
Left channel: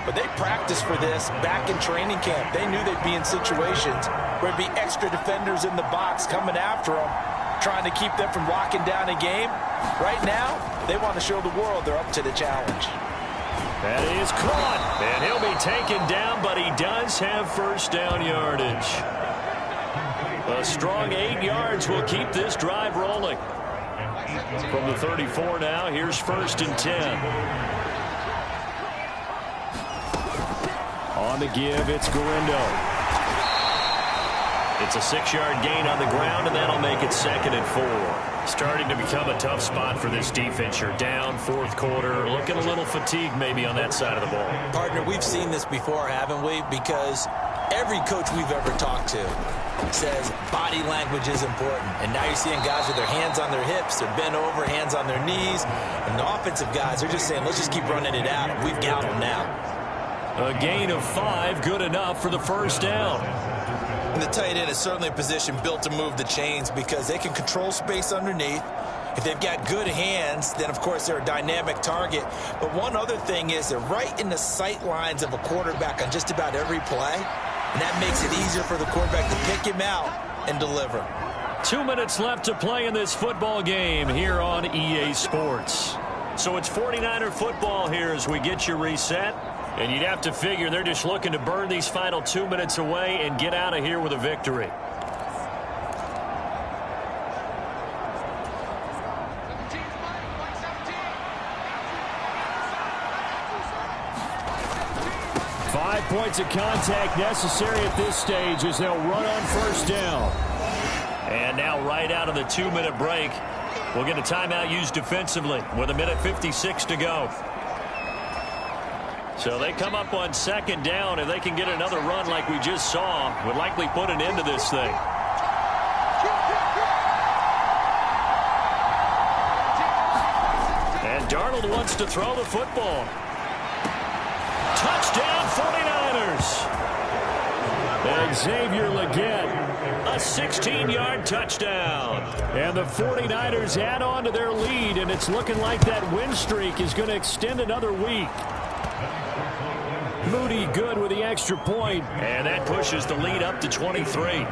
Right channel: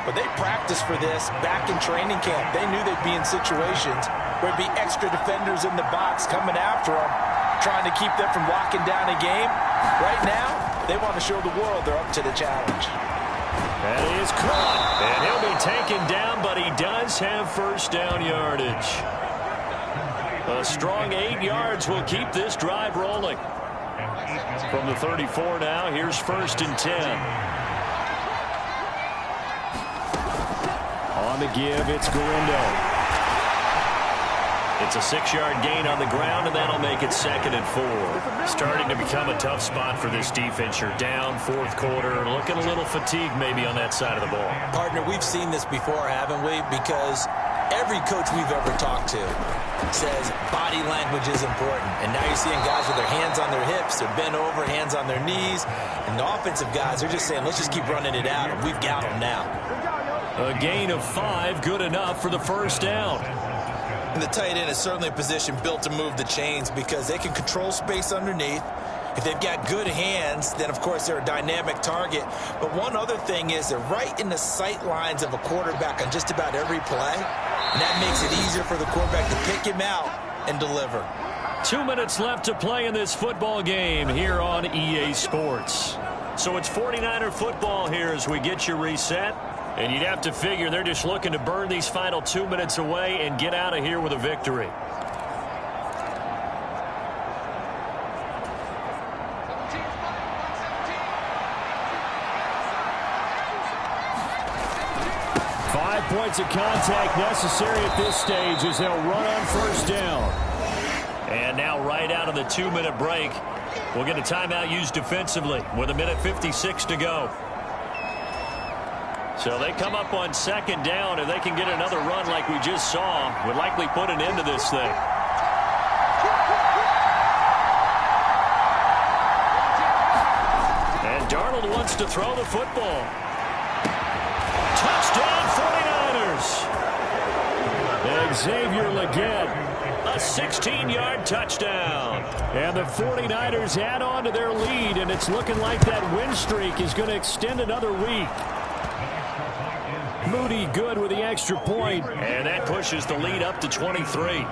but they practiced for this back in training camp. They knew they'd be in situations where there'd be extra defenders in the box coming after them, trying to keep them from locking down a game. Right now, they want to show the world they're up to the challenge. That is caught, and he'll be taken down, but he does have first down yardage. A strong 8 yards will keep this drive rolling. From the 34 now, here's 1st and 10. On the give, it's Garindo. It's a 6-yard gain on the ground, and that'll make it 2nd and 4. Starting to become a tough spot for this defense. You're down 4th quarter, looking a little fatigued maybe on that side of the ball. Partner, we've seen this before, haven't we? Because every coach we've ever talked to says body language is important. And now you're seeing guys with their hands on their hips, they're bent over, hands on their knees. And the offensive guys, they're just saying, let's just keep running it at them. We've got them now. A gain of 5, good enough for the first down. And the tight end is certainly a position built to move the chains because they can control space underneath. If they've got good hands, then, of course, they're a dynamic target. But one other thing is they're right in the sight lines of a quarterback on just about every play. And that makes it easier for the quarterback to pick him out and deliver. 2 minutes left to play in this football game here on EA Sports. So it's 49er football here as we get you reset. And you'd have to figure they're just looking to burn these final 2 minutes away and get out of here with a victory. Five points of contact necessary at this stage as they'll run on first down. And now right out of the 2-minute break, we'll get a timeout used defensively with 1:56 to go. So they come up on 2nd down. If they can get another run like we just saw, would likely put an end to this thing. And Darnold wants to throw the football. Touchdown 49ers. Xavier Legette, a 16-yard touchdown. And the 49ers add on to their lead, and it's looking like that win streak is going to extend another week. Moody good with the extra point, and that pushes the lead up to 23.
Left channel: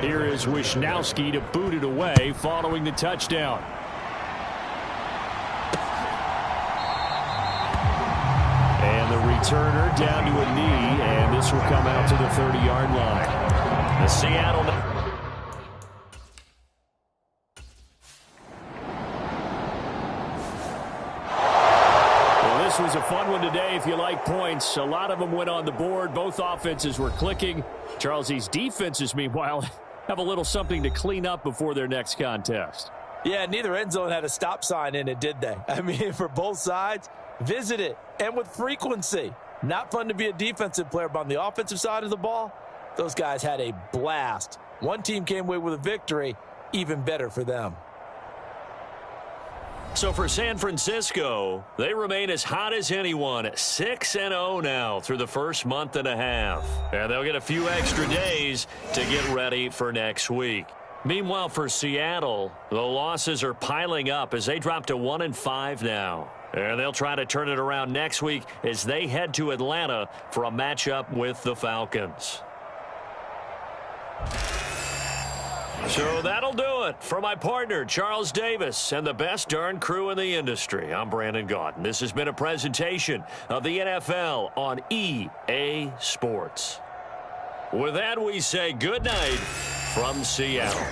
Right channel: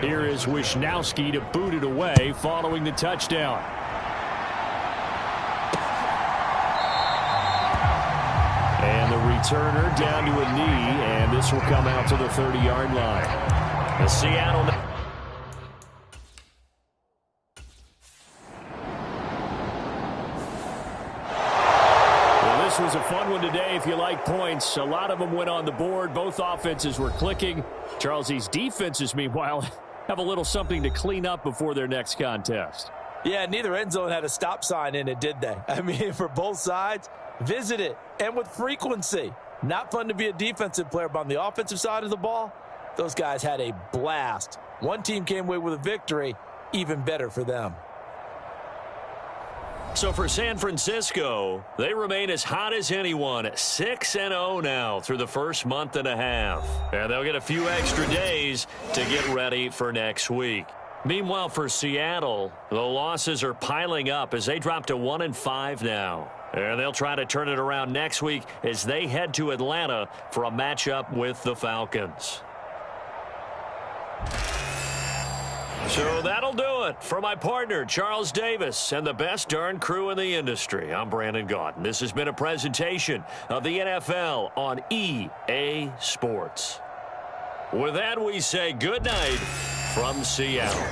Here is Wisnowski to boot it away following the touchdown. And the returner down to a knee, and this will come out to the 30-yard line. The Seattle... This was a fun one today if you like points. A lot of them went on the board. Both offenses were clicking. Charles, these defenses, meanwhile, have a little something to clean up before their next contest. Yeah, neither end zone had a stop sign in it, did they? I mean, for both sides, visit it, and with frequency. Not fun to be a defensive player, but on the offensive side of the ball, those guys had a blast. One team came away with a victory, even better for them. So for San Francisco, they remain as hot as anyone, 6-0 now through the first month and a half. And they'll get a few extra days to get ready for next week. Meanwhile, for Seattle, the losses are piling up as they drop to 1-5 now. And they'll try to turn it around next week as they head to Atlanta for a matchup with the Falcons. So that'll do it for my partner, Charles Davis, and the best darn crew in the industry. I'm Brandon Gaudin. This has been a presentation of the NFL on EA Sports. With that, we say good night from Seattle.